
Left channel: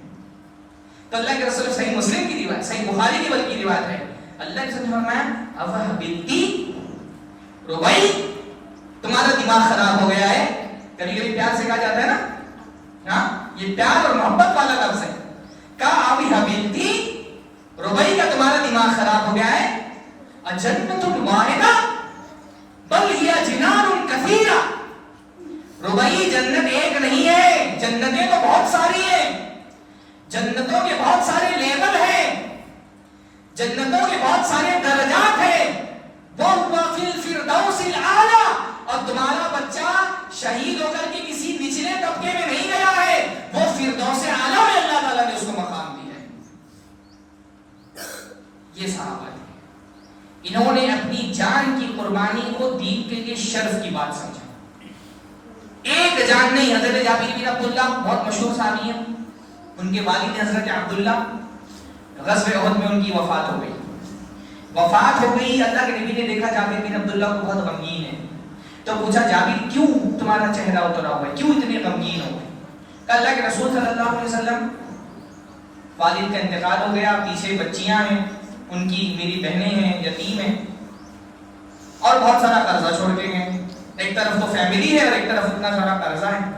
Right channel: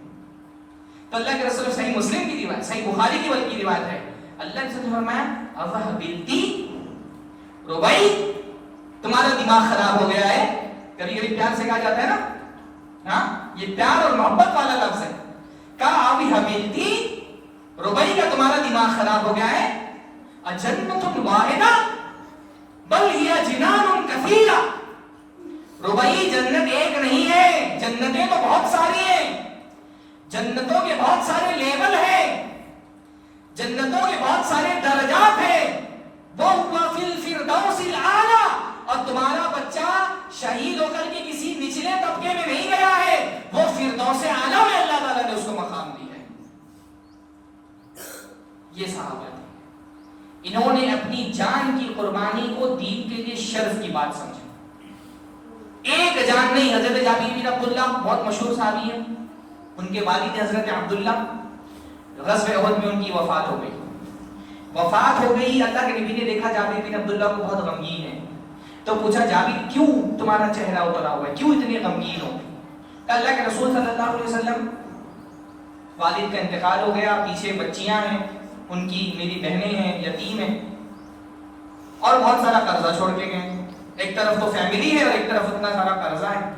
تو اللہ کے رسول صحیح مسلم کی روایت, صحیح بخاری کی بلکہ روایت ہے, اللہ کے رسول فرمایا اوہ بلتی ربیع تمہارا دماغ خراب ہو گیا ہے. کبھی کبھی پیار سے کہا جاتا ہے نا, ہاں یہ پیار اور محبت والا لفظ ہے. کہا آبی حبیلتی ربیع کا تمہارا دماغ خراب ہو گیا ہے. اجنت واحدہ بل ہی جنان کثیرہ, ربیع جنت ایک نہیں ہے, جنتیں تو بہت ساری ہیں, جنتوں کے بہت سارے لیول ہیں, جنتوں کے بہت سارے درجات ہیں. وہ فی الفردوس الاعلی, اور تمہارا بچہ شہید ہو کر کے کسی نچلے طبقے میں نہیں گیا ہے, وہ فردوس اعلی میں اللہ تعالیٰ نے اس کو مقام دیا ہے. یہ صحابہ انہوں نے اپنی جان کی قربانی کو دین کے لیے شرف کی بات سمجھا. ایک جان نہیں, حضرت جابر بن عبداللہ بہت مشہور صحابی ہیں, ان کے والد حضرت عبداللہ غزوہ احد میں ان کی وفات ہو گئی. وفات ہو گئی, اللہ کے نبی نے دیکھا جابر بن عبداللہ کو بہت غمگین ہے, تو پوچھا جابر کیوں تمہارا چہرہ اترا ہوا ہے, کیوں اتنے غمگین ہو؟ اللہ کے رسول صلی اللہ علیہ وسلم والد کا انتقال ہو گیا, پیچھے بچیاں ہیں ان کی, میری بہنیں ہیں, یتیم ہیں, اور بہت سارا قرضہ چھوڑ کے گئے. ایک طرف تو فیملی ہے اور ایک طرف اتنا سارا قرضہ ہے.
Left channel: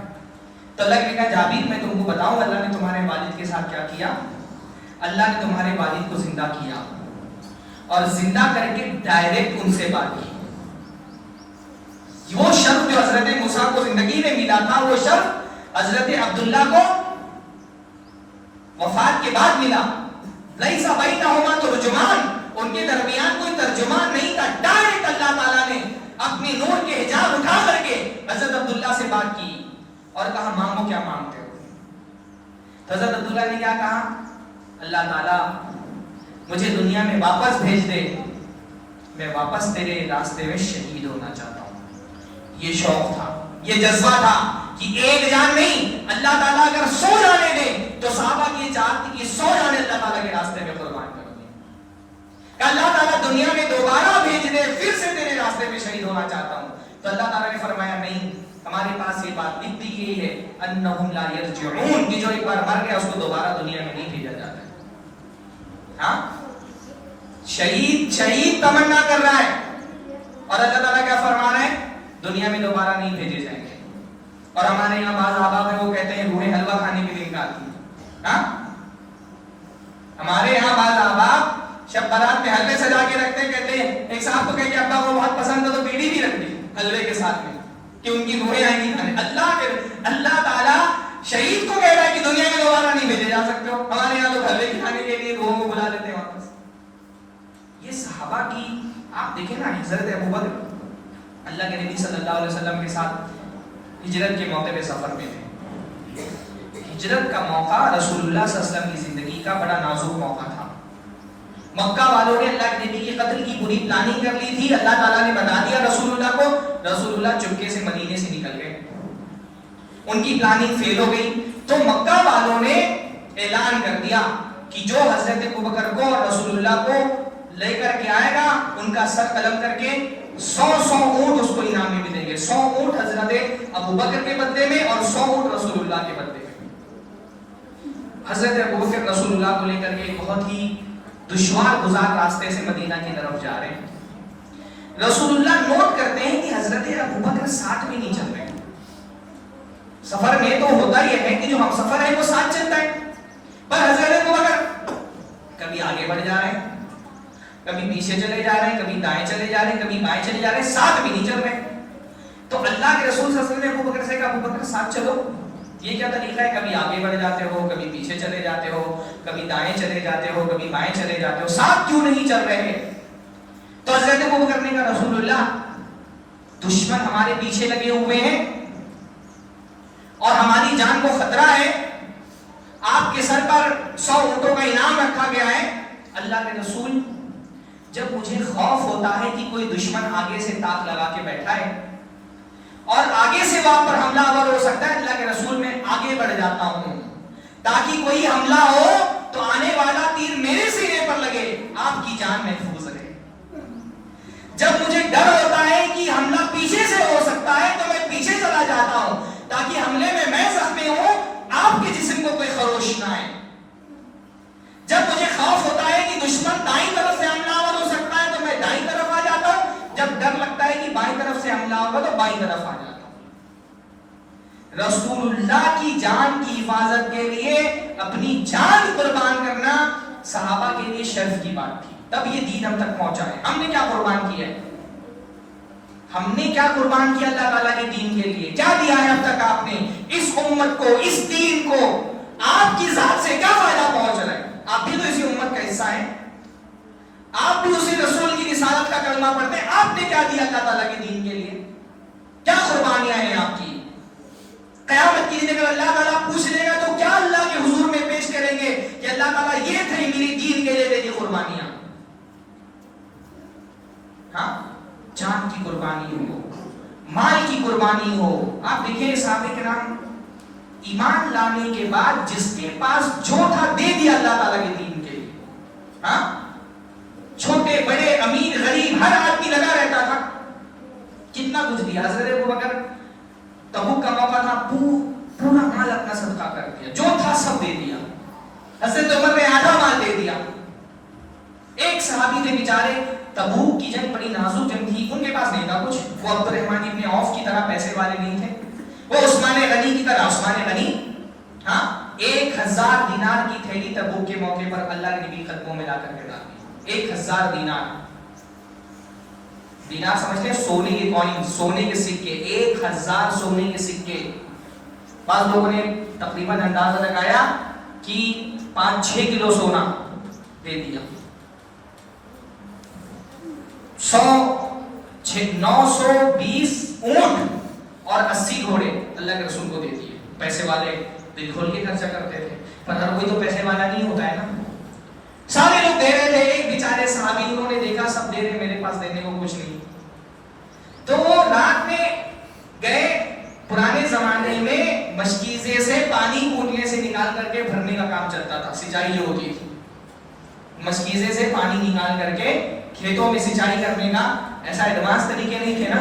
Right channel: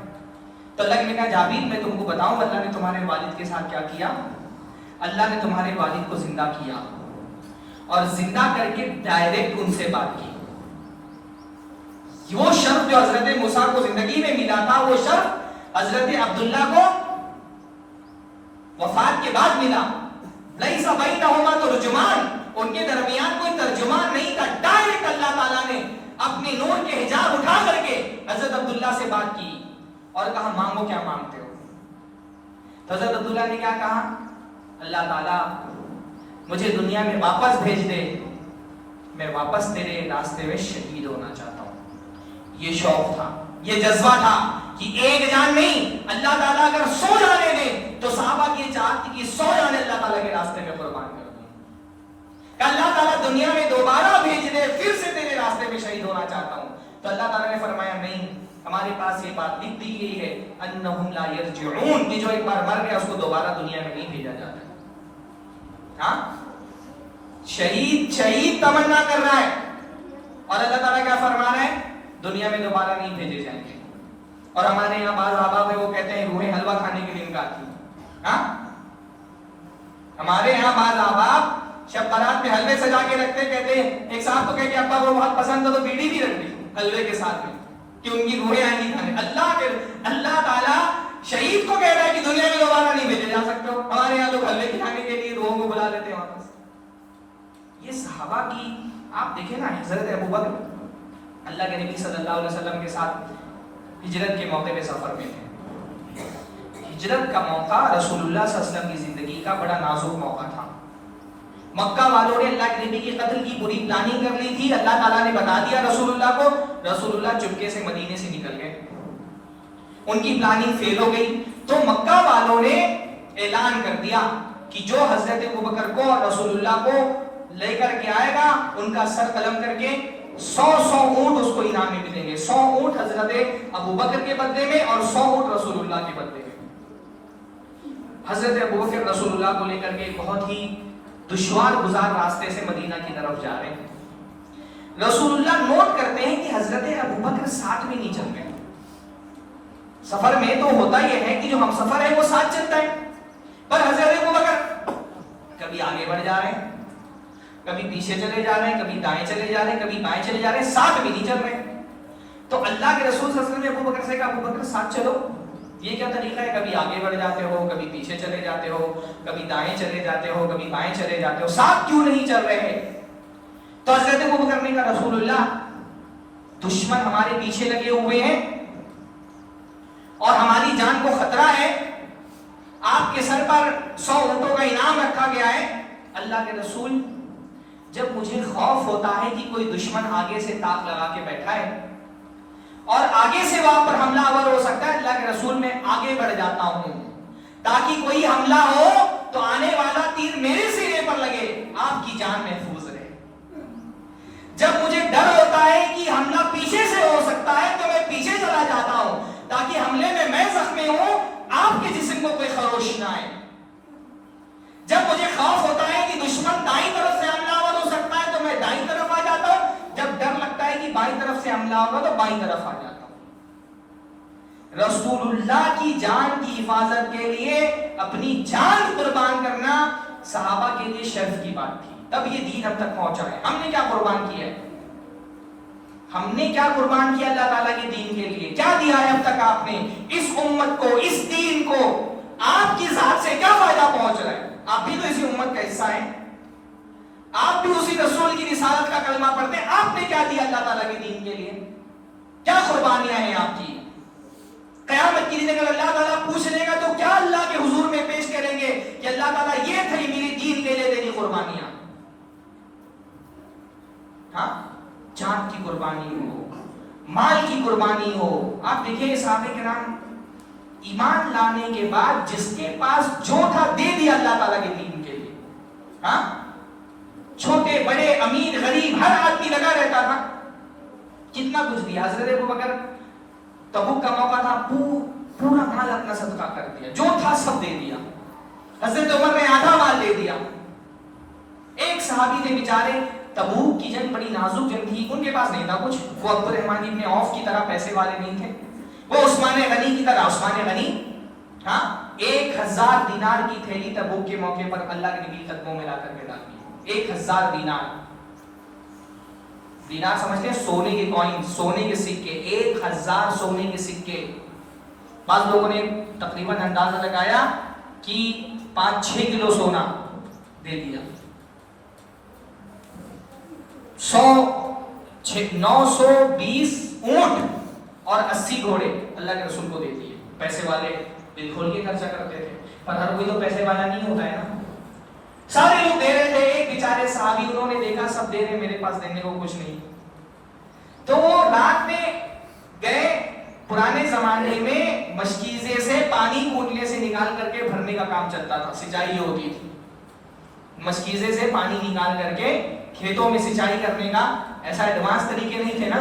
تو اللہ نے کہا جابر میں تم کو بتاؤں اللہ نے تمہارے والد کے ساتھ کیا کیا. اللہ نے تمہارے والد کو زندہ کیا اور زندہ کر کے ڈائریکٹ ان سے بات کی. وہ شرف جو حضرت موسیٰ کو زندگی میں ملا تھا وہ شرف حضرت عبداللہ کو وفات کے بعد ملا. لیس بینہما ترجمان، ان کے درمیان کوئی ترجمان نہیں تھا. ڈائریکٹ اللہ تعالیٰ نے اپنی نور کے حجاب اٹھا کر کے حضرت عبداللہ سے بات کی اور کہا مانگو کیا مانگتے ہو. تو حضرت عبداللہ نے کیا کہا؟ اللہ تعالیٰ مجھے دنیا میں واپس بھیج دے، میں واپس تیرے راستے میں شہید ہونا چاہتا ہوں. یہ شوق تھا، یہ جذبہ تھا کہ ایک جان نہیں، اللہ تعالیٰ اگر 100 جانے دے تو صحابہ کی چاہت تھی کہ 100 جانے اللہ تعالیٰ کے راستے میں قربان کر دیں. کہ اللہ تعالیٰ دنیا میں دوبارہ بھیج دے، پھر سے تیرے راستے میں شہید ہونا چاہتا ہوں. تو اللہ تعالیٰ نے فرمایا نہیں، ہمارے پاس یہ بات لکھ دی گئی ہے انہم لا یرجعون، کہ جو ایک بار مر گیا اس کو دوبارہ دنیا میں نہیں بھیجا جاتا. ہاں، شہید تمنا کر رہا ہے اور اللہ تعالیٰ کیا فرما رہا ہے؟ دنیا میں دوبارہ نہیں بھیجے جائیں گے. اور ہمارے یہاں بعض احباب ہیں وہ کہتے ہیں روحیں حلوہ کھانے کے لیے انکار کی. ہاں، ہمارے یہاں بعض احباب شب برات میں حلوے سجا کے رکھتے ہیں. کہتے ہیں ایک صاحب تو کہے کہ ابا کو بہت پسند ہے تو بیڑی بھی رکھ دی حلوے کے ساتھ میں کہ ان کی روحیں آئیں گی کھانے. اللہ تعالیٰ شہید کو کہہ رہا ہے کہ دنیا میں دوبارہ نہیں بھیجے جا سکتے ہو. ہمارے یہاں لوگ حلوے کھانے کے لیے روحوں کو بلا لیتے ہیں واپس. یہ صحابہ کی آپ دیکھیں نا، حضرت ابوبکر اللہ کے نبی صلی اللہ علیہ وسلم کے ساتھ ہجرت کے موقع پہ سفر میں تھے. ہجرت کا موقع رسول اللہ صلی اللہ علیہ وسلم کی زندگی کا بڑا نازک موقع تھا. مکہ والوں نے اللہ کے نبی کے قتل کی پوری پلاننگ کر لی تھی. اللہ تعالیٰ نے بتا دیا رسول اللہ کو، رسول اللہ چپکے سے مدینے سے نکل گئے. ان کی پلاننگ فیل ہو گئی تو مکہ والوں نے اعلان کر دیا کہ جو حضرت ابوبکر کو اور رسول اللہ کو لے کر کے آئے گا ان کا سر قلم کر کے 100 اونٹ اس کو انعام میں ملیں گے. 100 اونٹ حضرت ابوبکر کے بدلے میں اور 100 اونٹ رسول اللہ کے بدلے میں. حضرت ابوبکر رسول اللہ کو لے کر کے بہت ہی دشوار گزار راستے سے مدینہ کی طرف جا رہے ہیں. رسول اللہ نوٹ کرتے ہیں کہ حضرت ابوبکر ساتھ میں نہیں چل رہے. سفر میں تو ہوتا یہ ہے کہ جو ہم سفر ہے وہ ساتھ چلتا ہے، پر حضرت ابوبکر کبھی آگے بڑھ جا رہے ہیں، کبھی پیچھے چلے جا رہے ہیں، کبھی دائیں چلے جا رہے ہیں، کبھی بائیں چلے جا رہے ہیں، ساتھ بھی نہیں چل رہے. تو اللہ کے رسول صلی اللہ علیہ وسلم نے ابوبکر سے کہا ابوبکر ساتھ چلو. یہ کیا طریقہ ہے؟ کبھی آگے بڑھ جاتے ہو، کبھی پیچھے چلے جاتے ہو، کبھی دائیں چلے جاتے ہو، کبھی بائیں چلے جاتے ہو، ساتھ کیوں نہیں چل رہے؟ تو حضرت ابوبکر نے کہا رسول اللہ دشمن ہمارے پیچھے لگے ہوئے ہیں اور ہماری جان کو خطرہ ہے. آپ کے سر پر 100 اونٹوں کا انعام رکھا گیا ہے. اللہ کے رسول جب مجھے خوف ہوتا ہے کہ کوئی دشمن آگے سے تاک لگا کے بیٹھا ہے اور آگے سے وہاں پر حملہ آور ہو سکتا ہے، اللہ کے رسول میں آگے بڑھ جاتا ہوں تاکہ کوئی حملہ ہو تو آنے والا تیر میرے سینے پر لگے، آپ کی جان محفوظ رہے. جب مجھے ڈر ہوتا ہے کہ حملہ پیچھے سے ہو سکتا ہے تو میں پیچھے چلا جاتا ہوں تاکہ حملے میں زخمی ہوں، آپ کے جسم کو کوئی خروش نہ آئے. جب مجھے خوف ہوتا ہے کہ دشمن دائیں طرف سے حملہ آور ہو سکتا ہے تو میں دائیں طرف آ جاتا ہوں. جب ڈر لگتا ہے کہ بائیں طرف سے حملہ ہوگا تو بائیں طرف آ جاتا ہوں. رسول اللہ کی جان کی حفاظت کے لیے اپنی جان قربان کرنا صحابہ کے لیے شرف کی بات تھی. تب یہ دین ہم تک پہنچا ہے. ہم نے کیا قربان کیا ہے؟ ہم نے کیا قربان کیا اللہ تعالیٰ کے دین کے لیے؟ کیا دیا ہے اب تک آپ نے اس امت کو، اس دین کو؟ آپ کی ذات سے کیا فائدہ پہنچ رہا ہے؟ آپ بھی تو اسی امت کا حصہ ہیں، آپ بھی اسی رسول کی رسالت کا کلمہ پڑھتے ہیں. آپ نے کیا دیا اللہ تعالیٰ کے دین کے لیے؟ کیا قربانیاں ہیں آپ کی؟ قیامت کی دن اگر اللہ تعالیٰ پوچھ لے گا تو کیا اللہ کے حضور میں پیش کریں گے کہ اللہ تعالیٰ یہ تھی میری دین کے لیے میری قربانیاں؟ ہاں، جان کی قربانی ہو، مال کی قربانی ہو. آپ دیکھیں صحابہ کرام ایمان لانے کے بعد جس کے پاس جو تھا دے دیا اللہ تعالیٰ کے دین کے لیے. ہاں، چھوٹے بڑے امیر غریب ہر آدمی لگا رہتا تھا. کتنا کچھ دیا. حضرت ابوبکر تبوک کا موقع تھا، پورا مال اپنا صدقہ کر دیا، جو تھا سب دے دیا. حضرت عمر نے آدھا مال دے دیا. ایک صحابی تھے بیچارے، تبوک کی جنگ بڑی نازک جنگ تھی، ان کے پاس نہیں تھا کچھ. وہ عبد الرحمن ابن عوف کی طرح پیسے والے نہیں تھے، وہ عثمان غنی کی طرح عثمان غنی. ہاں، 1 1000 دینار کی تھیلی تبوک کے موقع پر اللہ کے نبی قدموں میں لا کر کے ڈال دی. 1000 دینار. دینار سمجھتے ہیں سونے کے کوئن, سونے کے سکے, 1000 سونے کے سکے. بعض لوگوں نے تقریباً اندازہ لگایا کہ 5-6 کلو سونا دے دیا. 920 اونٹ اور 80 گھوڑے اللہ کے رسول کو دے دیے. پیسے والے دل کھول کے خرچہ کرتے تھے, پر ہر کوئی تو پیسے والا نہیں ہوتا ہے نا. سارے لوگ دے رہے تھے. ایک بیچارے صحابی انہوں نے دیکھا سب دے رہے, میرے پاس دینے کو کچھ نہیں. تو وہ رات میں گئے. پرانے زمانے میں مشکیزے سے پانی کنویں سے نکال کر کے بھرنے کا کام چلتا تھا, سینچائی یہ ہوتی تھی. مشکیزے سے پانی نکال کر کے کھیتوں میں سینچائی کرنے کا ایسا ایڈوانس طریقے نہیں تھے نا,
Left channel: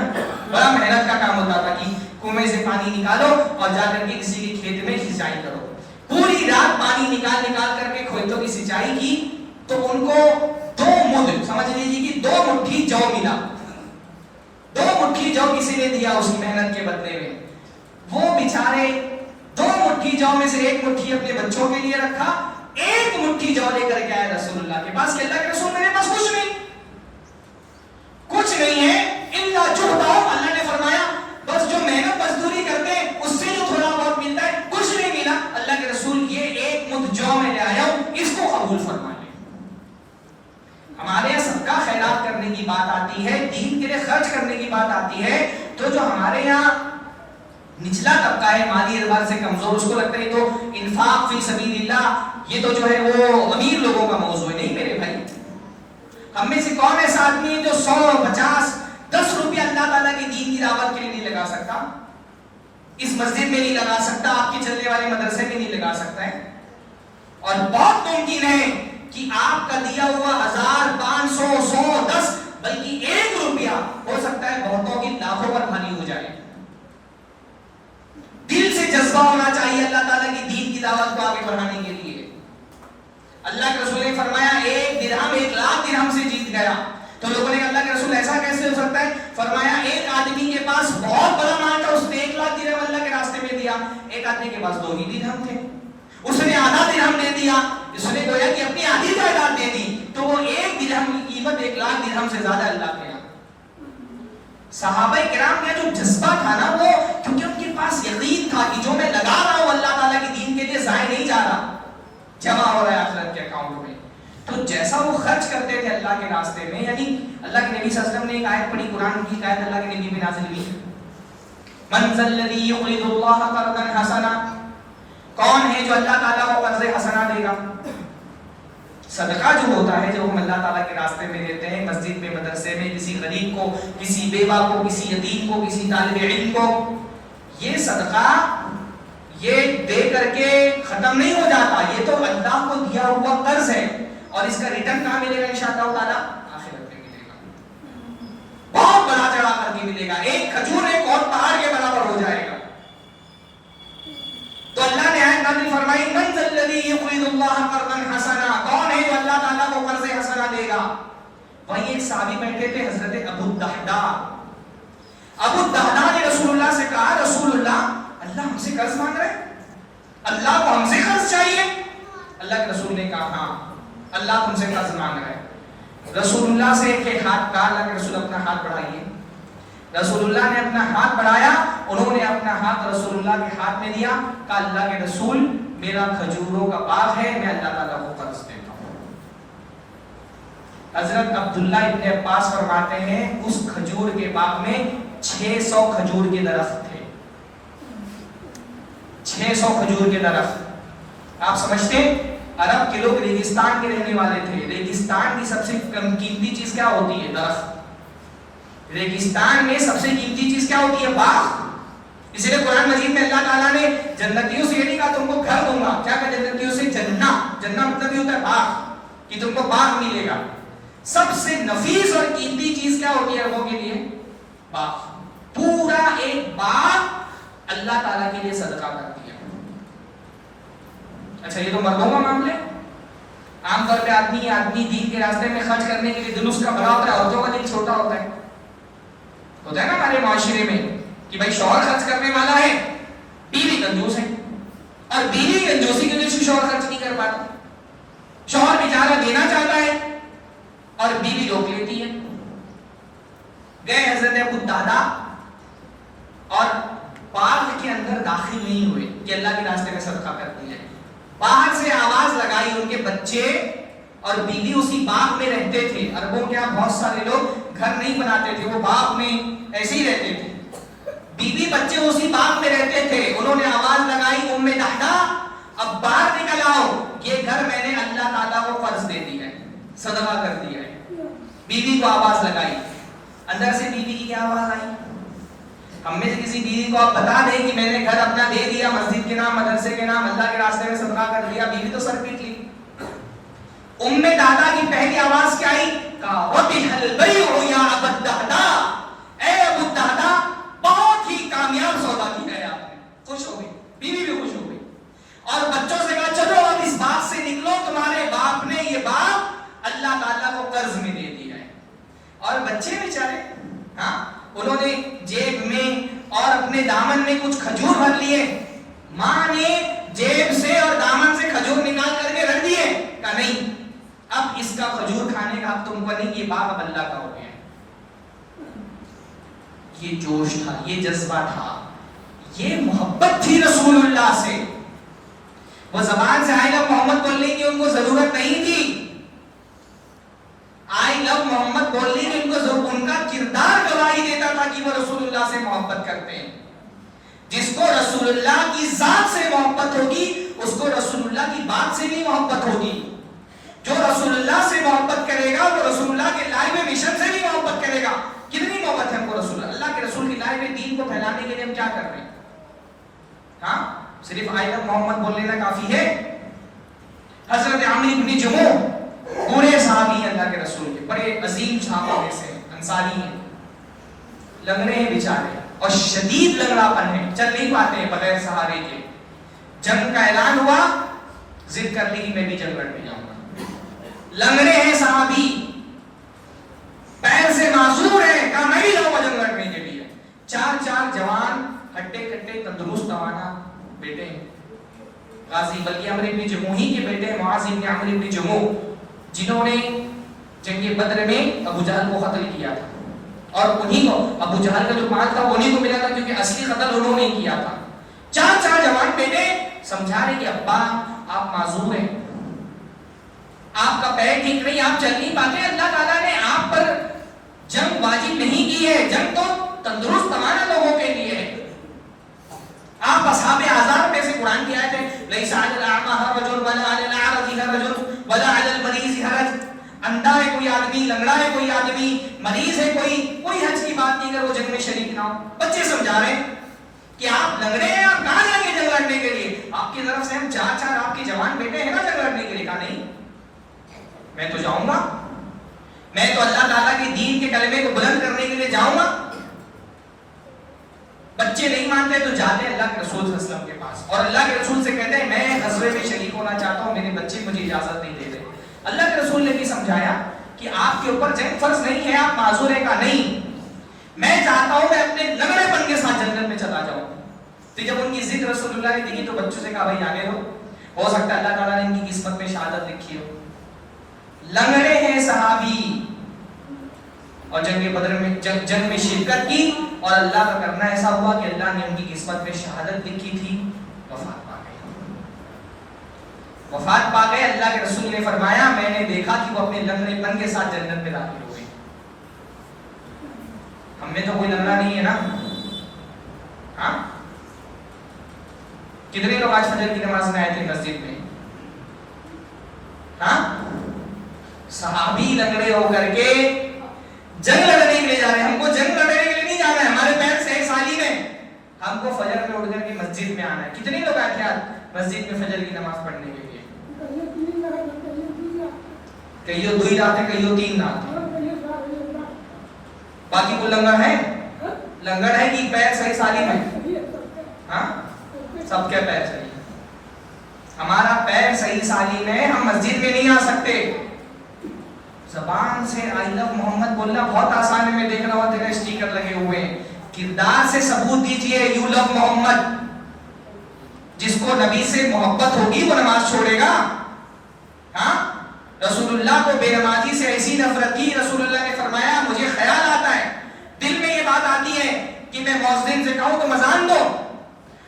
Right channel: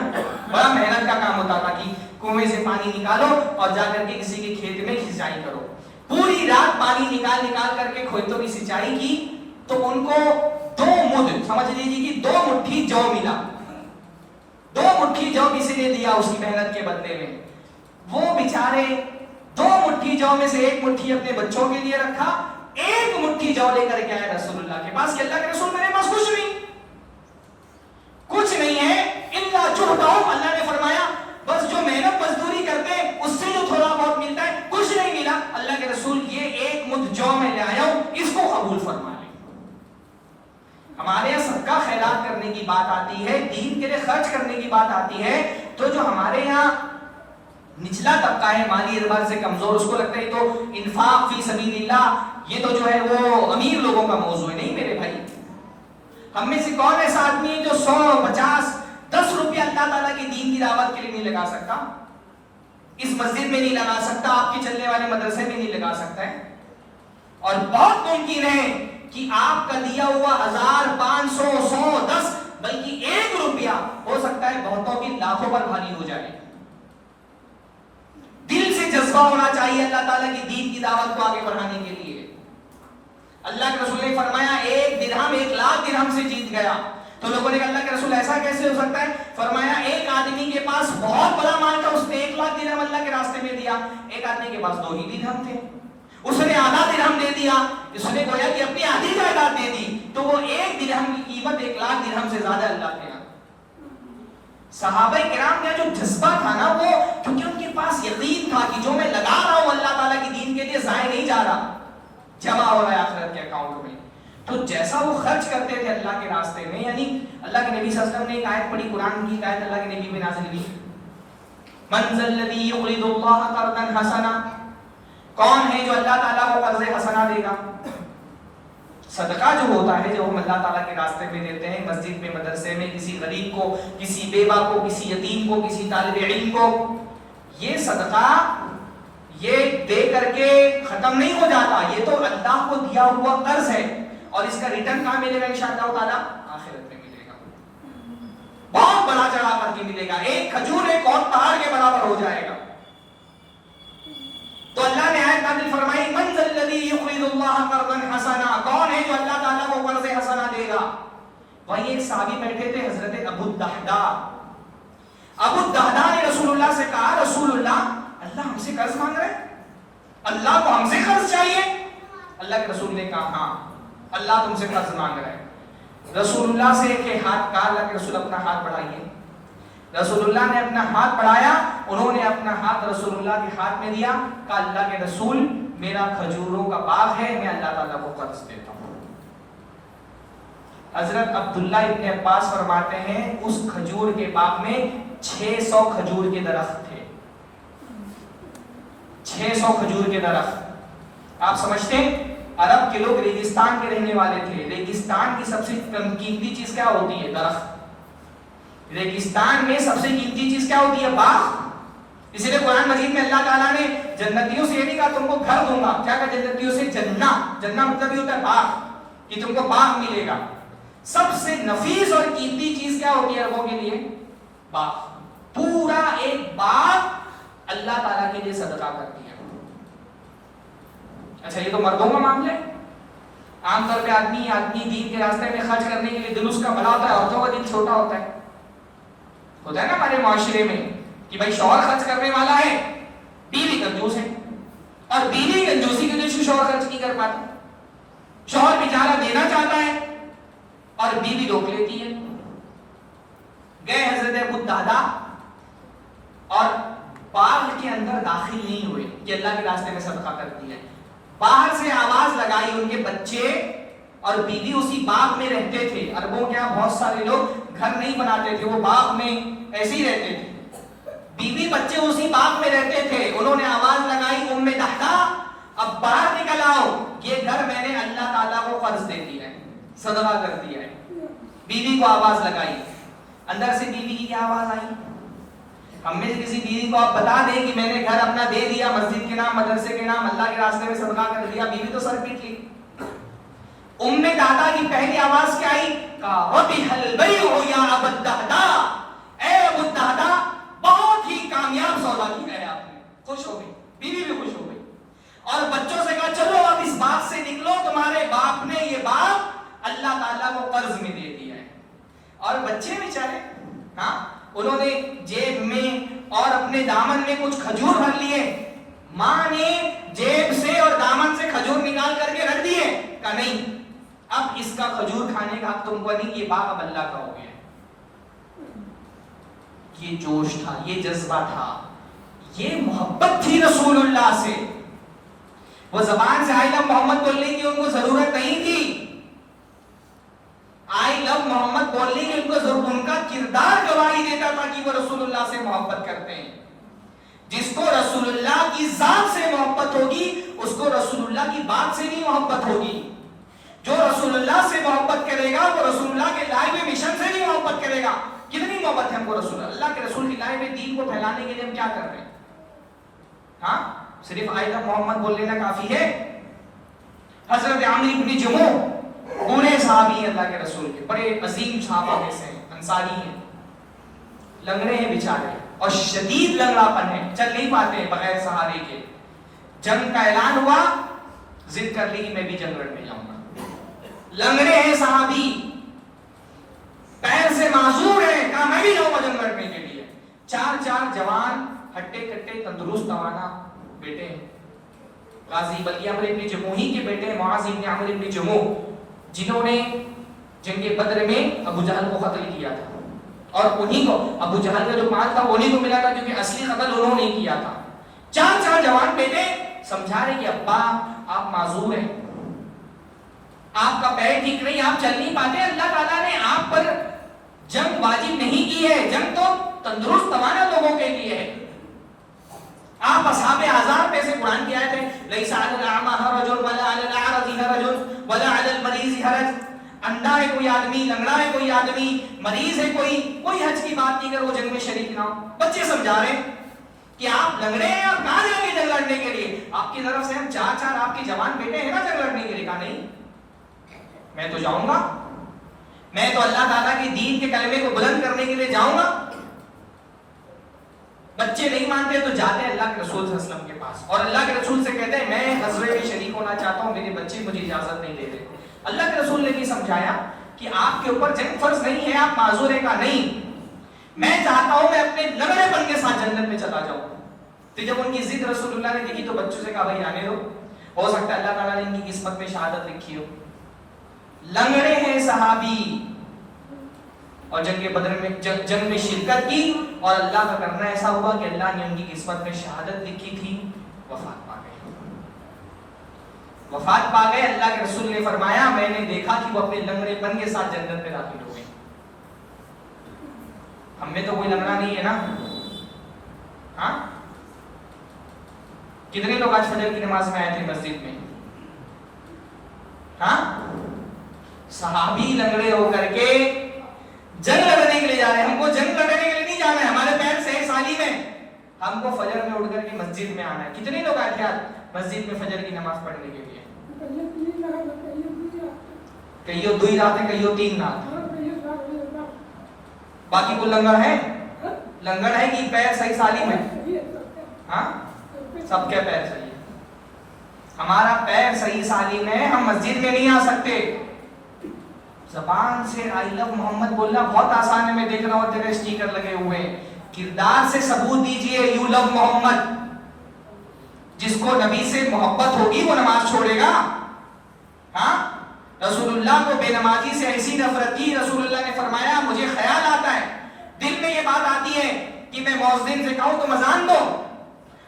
بڑا محنت کا کام ہوتا تھا کہ کنویں سے پانی نکالو اور جا کر کے کسی کے کھیت میں سینچائی کرو. پوری رات پانی نکال کر کے کھیتوں کی سینچائی کی تو ان کو 2 مد, سمجھ لیجیے کہ 2 مٹھی جو ملا. 2 مٹھی جو کسی نے دیا اس کی محنت کے بدلے میں. وہ بیچارے 2 مٹھی جو میں سے 1 مٹھی اپنے بچوں کے لیے رکھا, 1 مٹھی جو لے کر کے آئے رسول اللہ کے پاس کہ اللہ کے رسول میرے پاس کچھ نہیں ہے الا جہدہم. اللہ نے فرمایا بس جو محنت مزدوری کرتے ہیں اس سے جو تھوڑا بہت ملتا ہے, کچھ نہیں ملا. اللہ کے رسول یہ 1 مد جو میں لے آیا ہوں, اس کو قبول فرمائیں. ہمارے یہاں صدقہ خیرات کرنے کی بات آتی ہے, دین کے لیے خرچ کرنے کی بات آتی ہے, تو جو ہمارے یہاں نچلا طبقہ ہے, مالی اعتبار سے کمزور, اس کو لگتا ہے تو انفاق فی سبیل اللہ یہ تو جو ہے وہ امیر لوگوں کا موضوع ہے. نہیں میرے بھائی, ہم میں سے کون ایسا آدمی ہے جو 100, 50, 10 روپیہ اللہ تعالیٰ کی دین کی دعوت کے لیے نہیں لگا سکتا, اس مسجد میں نہیں لگا سکتا, آپ کے چلنے والے مدرسے میں نہیں لگا سکتا ہے. اور بہت ممکن ہے کہ آپ کا دیا ہوا 1000, 500, 100, 10 بلکہ 1 روپیہ ہو سکتا ہے بہتوں کی لاکھوں پر بھاری ہو جائے. دل سے جذبہ ہونا چاہیے اللہ تعالیٰ کی دین کی دعوت کو آگے بڑھانے کے لیے. اللہ کے رسول نے فرمایا 1 درہم 1 لاکھ درہم سے جیت گیا. تو لوگوں نے کہا اللہ کے رسول ایسا کیسے ہو سکتا ہے؟ فرمایا 1 آدمی کے پاس بہت بڑا مال تھا, اس نے 1 لاکھ درہم اللہ کے راستے میں دیا. 1 آدمی کے پاس 2 ہی درہم تھے, اس نے آدھا درہم دے دیا. اس نے گویا کہ اپنی آدھی جائیداد دے دی, تو وہ 1 درہم کی قیمت 1 لاکھ درہم سے زیادہ اللہ نے. صحابہ کرام کا جو جذبہ تھا نا, وہ کیونکہ ان کے پاس یقین تھا کہ جو میں لگا رہا ہوں اللہ تعالیٰ کی دین کے لیے ضائع نہیں جا رہا, جمع ہو رہا ہے آخرت کے اکاؤنٹ میں. تو جیسا وہ خرچ کرتے تھے اللہ کے راستے میں, یعنی اللہ کے نبی صلی اللہ علیہ وسلم نے ایک آیت پڑھی, قرآن کی آیت اللہ کے نبی میں نازل ہوئی, من ذا الذی یقرض اللہ قرضا حسنا, کون ہے جو اللہ تعالیٰ کو قرض حسنا دے گا. صدقہ جو ہوتا ہے جو ہم اللہ تعالیٰ کے راستے میں دیتے ہیں, مسجد میں, مدرسے میں, کسی غریب کو, کسی بیوہ کو, کسی یتیم کو, کسی طالب علم کو, یہ صدقہ یہ دے کر کے ختم نہیں ہو جاتا. یہ تو اللہ کو دیا ہوا قرض ہے, اور اس کا ریٹرن کہاں ملے گا انشاءاللہ تعالیٰ؟ آخرت میں ملے گا, بہت بڑا چڑھا کر کے ملے گا. 1 کھجور 1 اور پہاڑ کے برابر ہو جائے گا. تو اللہ نے آیت نازل فرمائی من ذا الذی یقرض اللہ قرضا حسنا, کون ہے جو اللہ تعالیٰ کو قرض حسنا دے گا. وہیں ایک صحابی بیٹھے تھے حضرت ابو الدحداء. ابو الدحداء نے رسول اللہ سے کہا رسول اللہ ہم سے قرض مانگ رہے, اللہ کو ہم سے قرض چاہیے. اللہ کے رسول نے کہا ہاں اللہ تم سے قرض مانگ رہے. رسول اللہ سے ایک ہاتھ کہا, اللہ کے رسول اپنا ہاتھ بڑھائیے. رسول اللہ نے اپنا ہاتھ بڑھایا, انہوں نے اپنا ہاتھ رسول اللہ کے ہاتھ میں دیا, کہا اللہ کے رسول میرا کھجوروں کا باغ ہے, میں اللہ تعالیٰ کو قرض دیتا ہوں. حضرت عبداللہ ابن عباس فرماتے ہیں اس کھجور کے باغ میں 600 کھجور کے درخت تھے. 600 کھجور کے درخت. آپ سمجھتے ہیں عرب کے لوگ ریگستان کے رہنے والے تھے. ریگستان کی سب سے قیمتی چیز کیا ہوتی ہے؟ درخت. ریگستان میں سب سے قیمتی چیز کیا ہوتی ہے؟ باغ. اسی لیے قرآن مجید میں اللہ تعالیٰ نے جنتیوں سے یہ نہیں کہا تم کو گھر دوں گا, کیا کہا جنتیوں سے؟ جنہ. جنہ مطلب یہ ہوتا ہے باغ, کہ تم کو باغ ملے گا. سب سے نفیس اور قیمتی چیز کیا ہوتی ہے عربوں کے لیے؟ باغ. پورا ایک باغ اللہ تعالیٰ کے لیے صدقہ کر دیا. اچھا یہ تو مردوں کا معاملہ ہے. عام طور پہ آدمی دین کے راستے میں خرچ کرنے کے لیے دل اس کا بڑا ہوتا ہے, عورتوں کا دل چھوٹا ہوتا ہے. ہوتا ہے نا ہمارے معاشرے میں کہ بھائی شوہر خرچ کرنے والا ہے, بیوی کنجوس ہے, اور بیوی کنجوسی کی وجہ سے شوہر خرچ نہیں کر پاتا، شوہر بیچارہ دینا چاہتا ہے اور بیوی روک لیتی ہے۔ گئے حضرت ابو الدہداء اور باغ کے اندر داخل نہیں ہوئے کہ اللہ کے راستے میں صدقہ کر دیا، باہر سے آواز لگائی، ان کے بچے اور بیوی اسی باغ میں رہتے تھے۔ عربوں کے یہاں بہت سارے لوگ گھر نہیں بناتے تھے، وہ باغ میں ایسے ہی رہتے تھے، بیوی بچے اسی باغ میں رہتے تھے۔ انہوں نے آواز لگائی، ام دہداء اب باہر نکل آؤ، یہ گھر میں نے اللہ تعالیٰ کو قرض دے دیا ہے، صدقہ کر دیا ہے۔ بیوی کو آواز لگائی، اندر سے بیوی کی کیا آواز آئی؟ ہم میں سے کسی بیوی کو آپ بتا دیں کہ میں نے گھر اپنا دے دیا، مسجد کے نام، مدرسے کے نام، اللہ کے راستے میں صدقہ کر دیا، بیوی تو سر پیٹ لی۔ ام دہداء کی پہلی آواز کیا آئی؟ وَبِحَ الْبَيْعُ يَا أَبَا الدَّهْدَاء، اے ابو الدہداء بہت ہی کامیاب سودا کیا ہے آپ نے۔ خوش ہو گئی، بیوی بھی خوش ہو گئی، اور بچوں سے کہا چلو اب اس باغ سے نکلو، تمہارے باپ نے یہ باغ اللہ تعالیٰ کو قرض میں دے دیا ہے۔ اور بچے بیچارے، ہاں انہوں نے جیب میں اور اپنے دامن میں کچھ کھجور بھر لیے، ماں نے جیب سے اور دامن سے کھجور نکال کر کے رکھ دیے، کہا نہیں اب اس کا کھجور کھانے کا حق تم کو نہیں، یہ باغ اب اللہ کا ہو گیا۔ یہ جوش تھا، یہ جذبہ تھا، یہ محبت تھی رسول اللہ سے۔ وہ زبان سے آئی لو محمد بولنے کی ان کو ضرورت نہیں تھی، آئی لو محمد بولنے کی ان کو ضرورت، ان کا کردار گواہی دیتا تھا کہ وہ رسول اللہ سے محبت کرتے ہیں۔ جس کو رسول اللہ کی ذات سے محبت ہوگی اس کو رسول اللہ کی بات سے بھی محبت ہوگی۔ جو رسول اللہ سے محبت کرے گا وہ رسول اللہ کے لائے ہوئے مشن سے بھی محبت کرے گا۔ کتنی محبت ہے ہم کو رسول اللہ کے رسول کی لائے ہوئے دین کو پھیلانے کے لیے ہم کیا کر رہے ہیں؟ ہاں صرف آئی لو محمد بول لینا کافی ہے؟ حضرت عمرو بن جموح پورے صحابی اللہ کے رسول کے، بڑے عظیم صحابہ میں سے انصاری ہیں، لنگڑے ہیں بیچارے اور شدید لنگڑا پن ہے، چل نہیں پاتے بغیر سہارے کے۔ جنگ کا اعلان ہوا، ضد کر لی کہ میں بھی جنگ لڑنے جاؤں گا، لنگڑے ہیں صحابی، پیر سے معذور ہیں، کہا میں بھی جاؤں گا جنگ لڑنے کے لیے۔ چار جوان ہٹے کٹے تندرست توانا بیٹے ہیں، غازی بلکہ عمرو بن جموح ہی کے بیٹے ہیں، معاذ بن عمرو بن جموح، جنہوں نے جنگ بدر میں ابو جہل کو قتل کیا تھا، اور انہی کو ابو جہل کا جو مال تھا انہی کو ملا تھا، کیونکہ اصلی قتل انہوں نے کیا تھا۔ چار جوان بیٹے سمجھا رہے کہ ابا آپ معذور ہیں، آپ کا پیر ٹھیک نہیں، آپ چل نہیں پاتے، اللہ تعالیٰ نے آپ پر جنگ واجب نہیں کی ہے، جنگ تو تندرست توانا لوگوں کے لیے ہے۔ آپ اصحاب اعذار میں سے قرآن کی آیت ہے لیس علی الاعمى حرج ولا علی الاعرج حرج ولا علی المریض حرج، اندھا ہے کوئی آدمی، لنگڑا ہے کوئی آدمی، مریض ہے کوئی حج کی بات نہیں اگر وہ جنگ میں شریک نہ ہو۔ بچے سمجھا رہے ہیں کہ آپ لنگڑے ہیں، آپ کہاں جائیں گے جنگ لڑنے کے لیے؟ آپ کی طرف سے ہم چار آپ کے جوان بیٹے ہیں نا جنگ لڑنے کے لیے، کہا نہیں میں تو جاؤں گا، میں تو اللہ تعالیٰ کے دین کے کلمے کو بلند کرنے کے لیے جاؤں گا۔ بچے نہیں مانتے تو جاتے ہیں اللہ کے رسول صلی اللہ علیہ وسلم کے پاس، اور اللہ کے رسول سے کہتے ہیں میں غزوے میں شریک ہونا چاہتا ہوں، میرے بچے مجھے اجازت نہیں دیتے۔ اللہ کے رسول نے بھی سمجھایا کہ آپ کے اوپر جنگ فرض نہیں ہے، آپ معذور ہیں، کا نہیں، میں چاہتا ہوں میں اپنے لنگڑے پن کے ساتھ جنت میں چلا جاؤں۔ تو جب ان کی ضد رسول اللہ نے دیکھی تو بچوں سے کہا بھائی آنے دو، ہو سکتا ہے اللہ تعالیٰ نے ان کی قسمت میں شہادت لکھی ہو۔ لنگڑے ہیں صحابی اور جنگ بدر میں جنگ میں شرکت کی، اور اللہ کا کرنا ایسا ہوا کہ اللہ نے ان کی قسمت میں شہادت لکھی تھی، وفات پا گئے۔ اللہ کے رسول نے فرمایا میں نے دیکھا کہ وہ اپنے لنگڑے پن کے ساتھ جنت میں داخل ہو گئے۔ ہم میں تو کوئی لنگڑا نہیں ہے نا، ہاں کتنے لوگ آج فجر کی نماز میں آئے تھے مسجد میں؟ ہاں صحابی لنگڑے ہو کر کے جنگ لڑنے کے لیے جا رہے ہیں، ہم کو جنگ لڑنے کے لیے نہیں جانا ہے، ہمارے پیر صحیح سالم ہے، ہم کو فجر میں اٹھ کر کے مسجد میں آنا ہے۔ کتنے لوگ آئے تھے آج مسجد میں فجر کی نماز پڑھنے کے لیے؟ کئیوں 2 رات ہیں، کئیوں 3 رات ہیں، باقی کو لنگڑ ہے، لنگڑ ہے کہ پیر صحیح سالم ہے؟ ہاں سب کے پیر صحیح، ہمارا پیر صحیح سالم ہے، ہم مسجد میں نہیں آ سکتے۔ زبان سے آئی لو محمد بولنا بہت آسان ہے، میں دیکھ رہا ہوں تیرے اسٹیکر لگے ہوئے ہیں، کردار سے ثبوت دیجئے یو لو محمد۔ جس کو نبی سے محبت ہوگی وہ نماز چھوڑے گا؟ ہاں، رسول اللہ کو بے نمازی سے ایسی نفرت کی، رسول اللہ نے فرمایا مجھے خیال آتا ہے، دل میں یہ بات آتی ہے کہ میں مؤذن سے کہوں تم اذان دو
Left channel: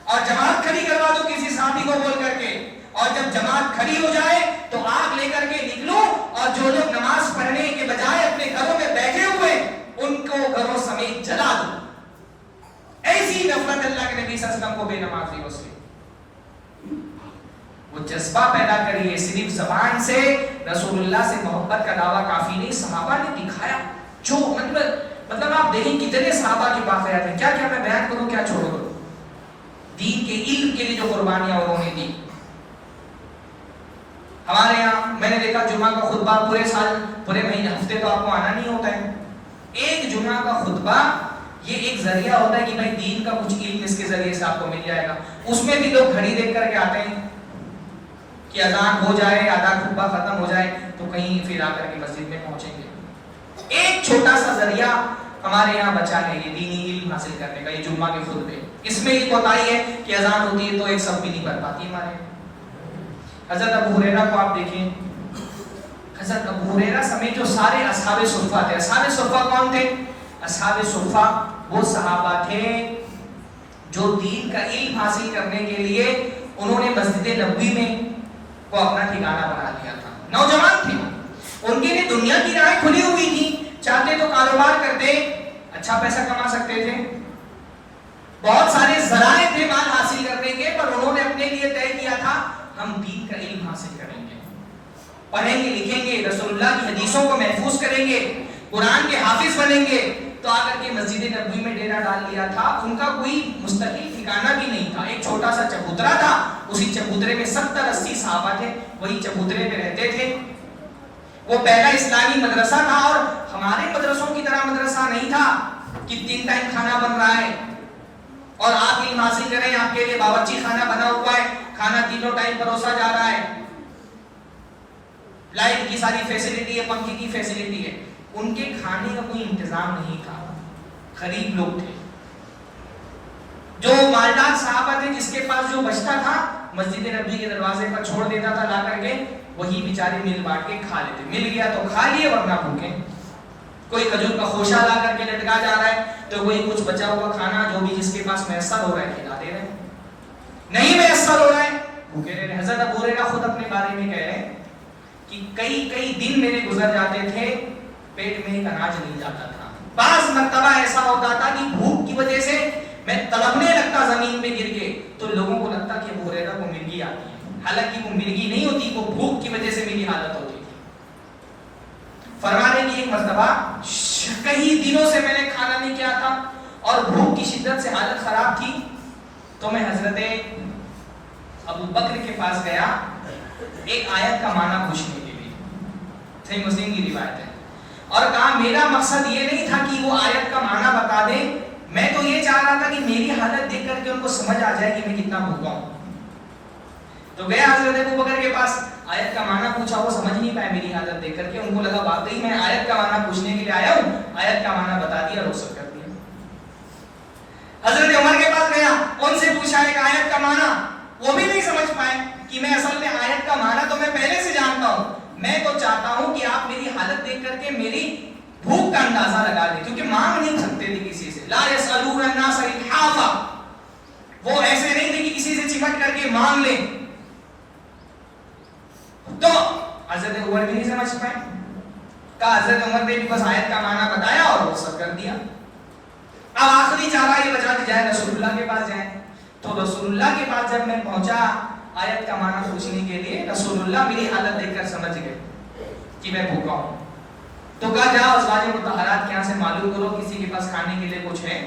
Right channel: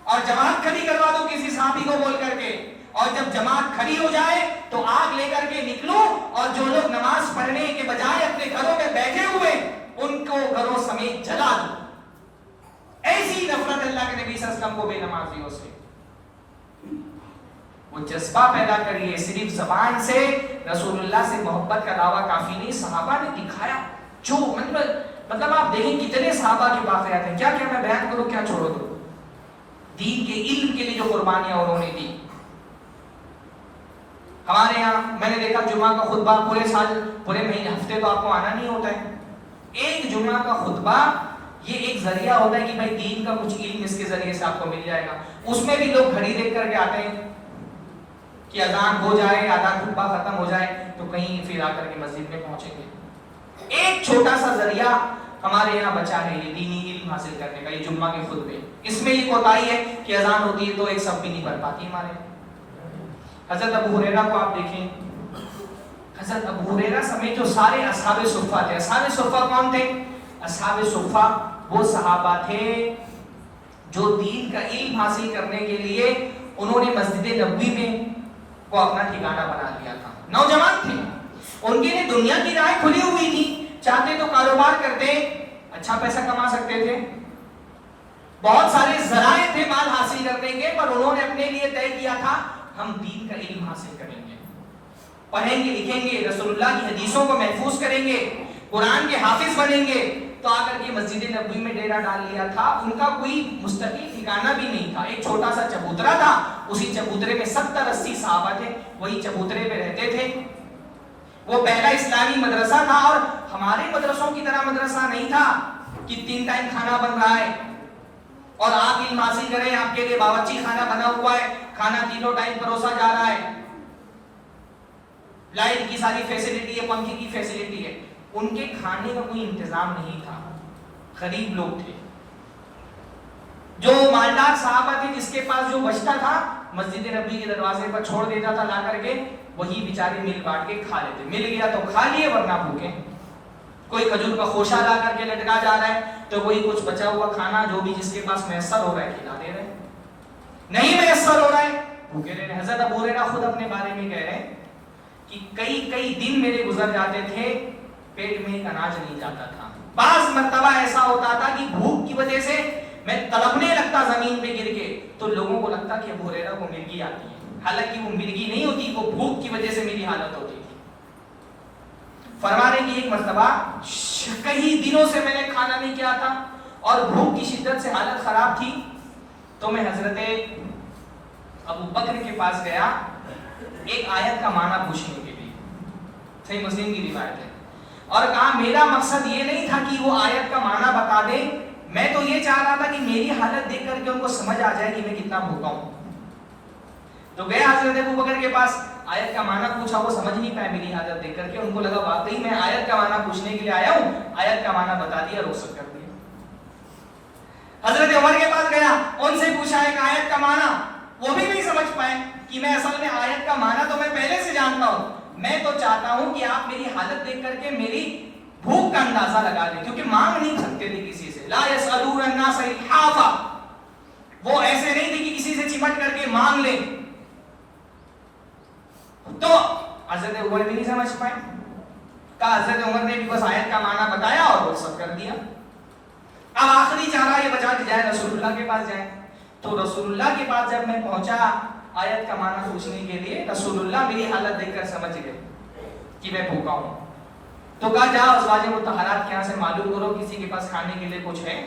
اور جماعت کھڑی کروا دو کسی صحابی کو بول کر کے، اور جب جماعت کھڑی ہو جائے تو آگ لے کر کے نکلوں اور جو لوگ نماز پڑھنے کے بجائے اپنے گھروں میں بیٹھے ہوئے ان کو گھروں سمیت جلا دوں۔ ایسی نفرت اللہ کے نبی صلی اللہ علیہ وسلم کو بے نمازیوں سے، وہ جذبہ پیدا کریے۔ صرف زبان سے رسول اللہ سے محبت کا دعویٰ کافی نہیں، صحابہ نے دکھایا۔ جو مطلب آپ دیکھیں کتنے صحابہ کے واقعات ہیں، کیا کیا میں بیان کروں کیا چھوڑ دوں، دین کے علم کے لیے جو قربانیاں انہوں نے دی۔ ہمارے یہاں میں نے دیکھا جمعہ کا خطبہ پورے سال پورے مہینے ہفتے تو آپ کو آنا نہیں ہوتا ہے، ایک جمعہ کا خطبہ یہ ایک ذریعہ ہوتا ہے کہ بھائی دین کا کچھ علم اس کے ذریعے سے آپ کو مل جائے گا۔ اس میں بھی لوگ گھڑی دیکھ کر کے آتے ہیں کہ اذان ہو جائے، آدھا خطبہ ختم ہو جائے تو کہیں پھر آ کر کے مسجد میں پہنچیں گے۔ ایک چھوٹا سا ذریعہ ہمارے یہاں بچا ہے یہ دینی علم حاصل کرنے کا، یہ جمعہ کے خطبے۔ اس میں یہ کوتاہی ہے کہ اذان ہوتی ہے تو ایک صف بھی نہیں بن پاتی ہمارے یہاں۔ حضرت ابو ہریرہ کو آپ دیکھیں، حضرت ابو ہریرہ سمیت جو سارے اصحاب صفہ تھے، اصحاب صفہ کون تھے؟ اصحاب صفہ وہ صحابہ تھے جو دین کا علم حاصل کرنے کے لیے انہوں نے مسجد نبوی میں کو اپنا ٹھکانہ بنا لیا تھا۔ نوجوان تھے، ان کے لیے دنیا کی راہیں کھلی ہوئی تھی، چاہتے تو کاروبار کرتے، اچھا پیسہ کما سکتے تھے، بہت سارے ذرائع تھے مال حاصل کرنے کے، پر انہوں نے اپنے لیے طے کیا تھا ہم دین کا علم حاصل کریں گے، پڑھیں گے، لکھیں گے، رسول اللہ کی حدیثوں کو محفوظ کریں گے، قرآن کے حافظ بنیں گے۔ تو آ کر کے مسجد نبوی میں ڈیرا ڈال لیا تھا۔ ان کا کوئی مستقل ٹھکانہ بھی نہیں تھا، ایک چھوٹا سا چبوترا تھا، اسی چبوترے میں 70-80 صحابہ تھے، وہی چبوترے میں رہتے تھے۔ وہ پہلا اسلامی مدرسہ تھا، اور ہمارے مدرسوں کی طرح مدرسہ نہیں تھا کہ 3 ٹائم کھانا بن رہا ہے اور آپ علم حاصل کریں، آپ کے لیے باورچی خانہ بنا ہوا ہے، کھانا 3 ٹائم پروسا جا رہا ہے، لائٹ کی ساری فیسلٹی ہے، پنکھے کی فیسلٹی ہے۔ ان کے کھانے کا کوئی انتظام نہیں تھا، غریب لوگ تھے۔ جو مالدار صحابہ تھے جس کے پاس جو بچتا تھا مسجد نبوی کے دروازے پر چھوڑ دیتا تھا لا کر کے، وہی بیچارے مل بانٹ کے کھا لیتے، مل گیا تو کھا لیے ورنہ بھوکے۔ کوئی کھجور کا خوشہ لا کر کے لٹکا جا رہا ہے تو کوئی کچھ بچا ہوا کھانا جو بھی جس کے پاس میسر ہو رہا ہے کھلا دے رہے، نہیں میسر ہو رہا ہے بھوکے رہے۔ حضرت ابو ہریرہ خود اپنے بارے میں کہہ رہے ہیں کہ کئی دن میرے گزر جاتے تھے، پیٹ میں ایک اناج نہیں جاتا تھا۔ بعض مرتبہ ایسا ہوتا تھا کہ بھوک کی وجہ سے میں تڑپنے لگتا زمین پہ گر کے، تو لوگوں کو لگتا کہ ابو ہریرہ کو مرگی آتی ہے، حالانکہ وہ مرگی نہیں ہوتی، وہ بھوک کی وجہ سے میری حالت ہوتی تھی۔ فرمانے کی ایک مرتبہ کئی دنوں سے میں نے کھانا نہیں کیا تھا اور بھوک کی شدت سے حالت خراب تھی، تو میں حضرت ابو بکر کے پاس گیا ایک آیت کا معنی پوچھنے کے لیے، صحیح مسلم کی روایت ہے، اور کہا میرا مقصد یہ نہیں تھا کہ وہ آیت کا معنی بتا دے، میں تو یہ چاہ رہا تھا کہ میری حالت دیکھ کر کے ان کو سمجھ آ جائے کہ میں کتنا بھوکا ہوں۔ تو گیا حضرت ابو بکر کے پاس، آیت کا معنی پوچھا، وہ سمجھ نہیں پائے میری حالت دیکھ کر کے، ان کو لگا واقعی میں آیت کا معنی پوچھنے کے لیے آیا ہوں، آیت کا معنی بتا دیا اور رخصت کر دیا۔ حضرت عمر کے پاس گیا، ان سے پوچھا ایک آیت کا معنی، وہ بھی نہیں سمجھ پائے کہ میں اصل میں آیت کا معنی تو میں پہلے سے جانتا ہوں، میں تو چاہتا ہوں کہ آپ میری حالت دیکھ کر کے میری بھوک کا اندازہ لگا دیں، کیونکہ مانگ نہیں سکتے تھے کسی سے، لا یسألون الناس الحافا، وہ ایسے نہیں تھے کہ کسی سے چمٹ کر کے مانگ لیں۔ تو حضرت عمر بھی نہیں سمجھ پائے، کہا حضرت عمر نے بھی بس آیت کا معنی بتایا اور رخصت کر دیا۔ اب آخری چارہ یہ بچا کہ جائے رسول اللہ کے پاس جائیں، تو رسول اللہ کے پاس جب میں پہنچا آیت کا معنی پوچھنے کے لیے، رسول اللہ میری حالت دیکھ کر سمجھ گئے کہ میں بھوکا ہوں، تو کہا جاؤ ازواج مطہرات کے یہاں سے معلوم کرو کسی کے پاس کھانے کے لیے کچھ ہے۔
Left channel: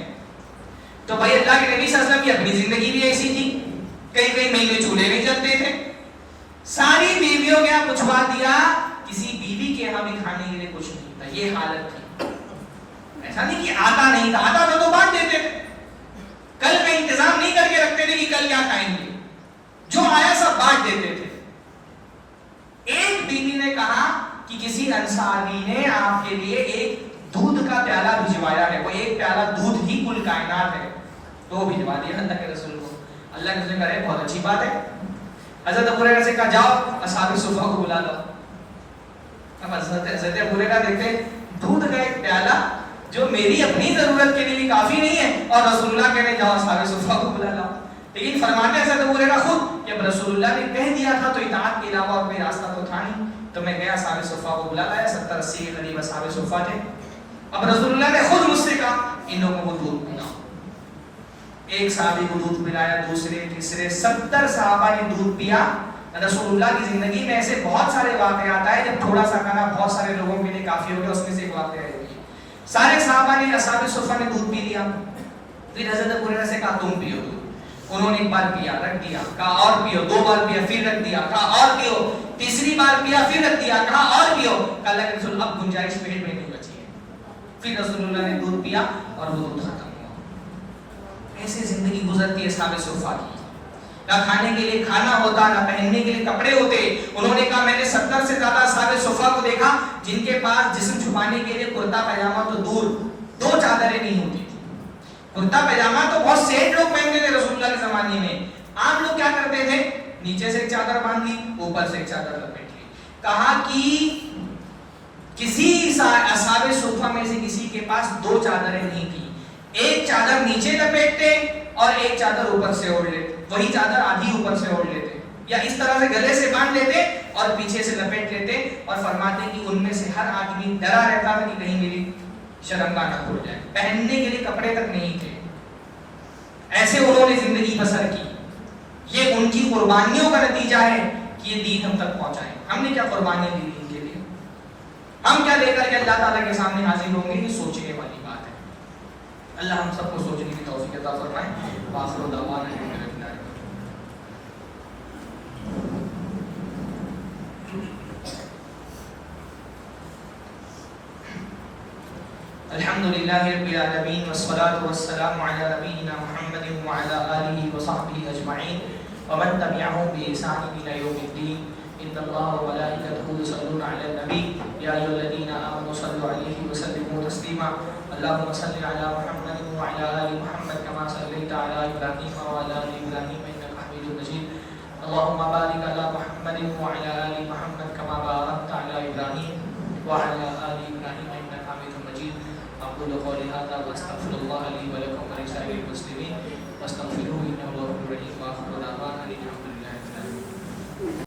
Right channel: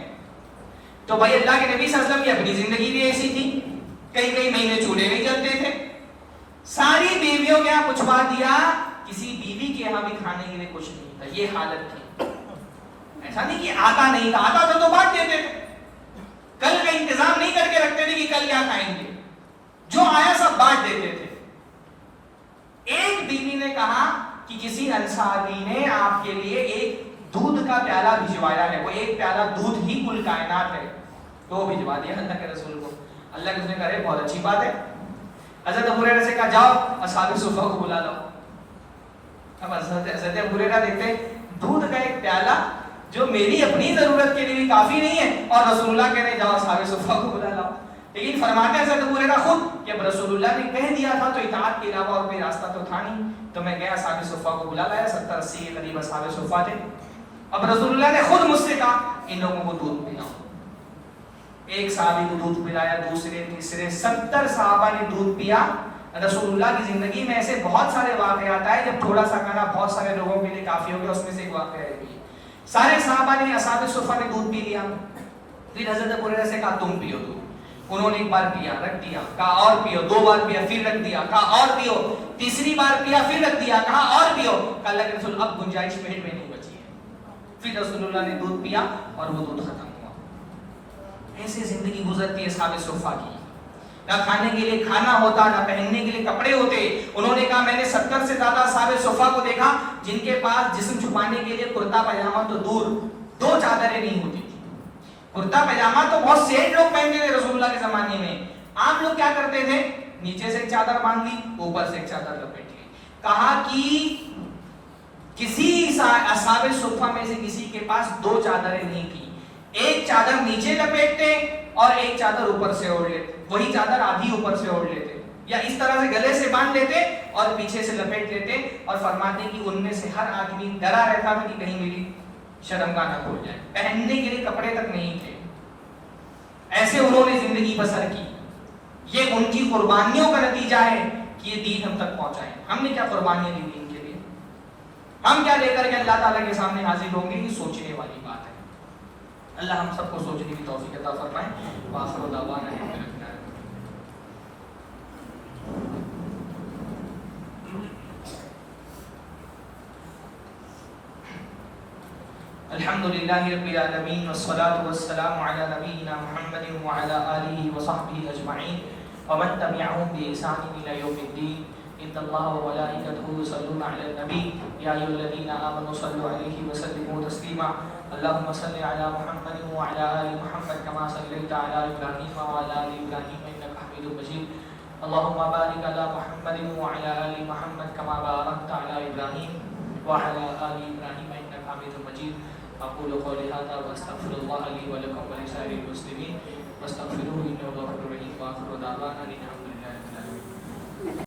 تو بھائی اللہ کے نبی صلی اللہ علیہ وسلم کی اپنی زندگی بھی ایسی تھی، کئی مہینے چولہے نہیں جلتے تھے، ساری بیویوں کے یہاں پوچھوا دیا، کسی بیوی کے یہاں بھی کھانے کے لیے کچھ نہیں تھا، یہ حالت تھی۔ ایسا نہیں کہ آتا نہیں تھا، آتا تو بات دیتے تھے، کل کا انتظام نہیں کر کے رکھتے تھے کہ کل کیا کھائیں گے، جو آیا سب بانٹ دیتے تھے۔ ایک بیوی نے کہا کہ کسی انصاری نے آپ کے لیے ایک دودھ کا پیالہ بھجوایا ہے، وہ ایک پیالہ دودھ ہی کل کائنات ہے، تو وہ بھجوا دیا اللہ کے رسول کو۔ اللہ نے اس نے کہا بہت اچھی بات ہے. حضرت ابو ہریرہ سے کہا جاؤ اصحاب صفہ کو بلا لاؤ. اب حضرت ابو ہریرہ دیکھتے دودھ کا ایک پیالہ جو میری اپنی ضرورت کے لیے بھی کافی نہیں ہے, اور رسول اللہ کہنے جاؤ اصحاب صفہ کو بلا لاؤ. لیکن فرماتے ہیں حضرت ابو ہریرہ خود کہ رسول اللہ نے کہہ دیا تھا تو اطاعت کے علاوہ اور کوئی راستہ تو تھا نہیں, تو میں گیا اصحاب صفہ کو بلا لایا. 70-80 کے قریب اصحاب صفہ تھے. اب رسول اللہ نے خود مجھ سے کہا ان لوگوں کو دودھ پلاؤ. ایک صحابی کو دودھ پلایا, دوسرے تیسرے 70 صحابہ نے دودھ پیا. رسول اللہ کی زندگی میں ایسے بہت سارے واقعات آئے جب تھوڑا سا کھانا بہت سارے لوگوں کے لیے کافی ہو گیا, اس میں سے ایک واقعہ ہے. سارے صحابہ نے اصحاب صفہ نے دودھ پی لیا. پھر حضرت ابو ہریرہ سے کہا تم پیو دودھ. انہوں نے ایک بار پیا, رکھ دیا, کہا اور پیو, 2 بار پیا, پھر رکھ دیا, کہا اور پیو, تیسری بار پیا, پھر رکھ دیا, کہا اور پیو. کہا اللہ کے رسول اب گنجائش پیٹ میں نہیں بچی ہے. پھر رسول اللہ نے دودھ پیا اور وہ دودھ ختم ہوا. ایسے زندگی گزرتی ہے اصحاب صفہ کی. نہ کھانے کے لیے کھانا ہوتا, نہ پہننے کے لیے کپڑے ہوتے. انہوں نے کہا میں نے 70 سے زیادہ اصحاب صفہ کو دیکھا جن کے پاس جسم چھپانے کے لیے کرتا پاجامہ تو دور, 2 چادریں نہیں ہوتی تھی. کرتا پاجامہ تو بہت سیٹ لوگ پہنتے تھے رسول اللہ کے زمانے میں. عام لوگ کیا کرتے تھے, نیچے سے ایک چادر باندھ لی, اوپر سے ایک چادر لپیٹ لی. کہا کہ کسی اصحاب صفہ میں سے کسی کے پاس 2 چادریں نہیں تھی. ایک چادر نیچے لپیٹتے اور ایک چادر اوپر سے اوڑھ لیتے. وہی چادر آدھی اوپر سے اوڑھ لیتے یا اس طرح سے گلے سے باندھ لیتے اور پیچھے سے لپیٹ لیتے. اور فرماتے کہ ان میں سے ہر آدمی ڈرا رہتا تھا کہ کہیں میری شرمگاہ نہ کھل جائے. پہننے کے لیے کپڑے تک نہیں تھے. ایسے انہوں نے زندگی بسر کی. یہ ان کی قربانیوں کا نتیجہ ہے کہ یہ دین ہم تک پہنچا ہے. ہم نے کیا قربانیاں دی دین کے لیے, ہم کیا لے کر کے اللہ تعالیٰ کے سامنے حاضر ہوں گے, یہ سوچنے والی بات ہے. اللہ ہم سب کو سوچنے کی توفیق عطا فرمائے. وآخر دعوانا الحمد للہ رب العالمین والصلاة والسلام علی نبینا محمد وعلی آلہ وصحبہ اجمعین ومن تبعهم بإحسان إلی یوم الدین. ان اللہ وملائکتہ یصلون علی النبی یا ایھا الذین آمنوا صلوا علیہ وسلموا تسلیما. اللهم صل علی محمد وعلی آل محمد كما صلیت علی ابراہیم وعلی آل ابراہیم انک حمید مجید. اللهم بارک علی محمد وعلی آل محمد كما بارکت علی ابراہیم وعلی آل ابراہیم انک حمید مجید. أقول قولي هذا وأستغفر الله لي ولكم ولسائر المسلمين فاستغفروه إنه هو الغفور الرحيم. وآخر دعوانا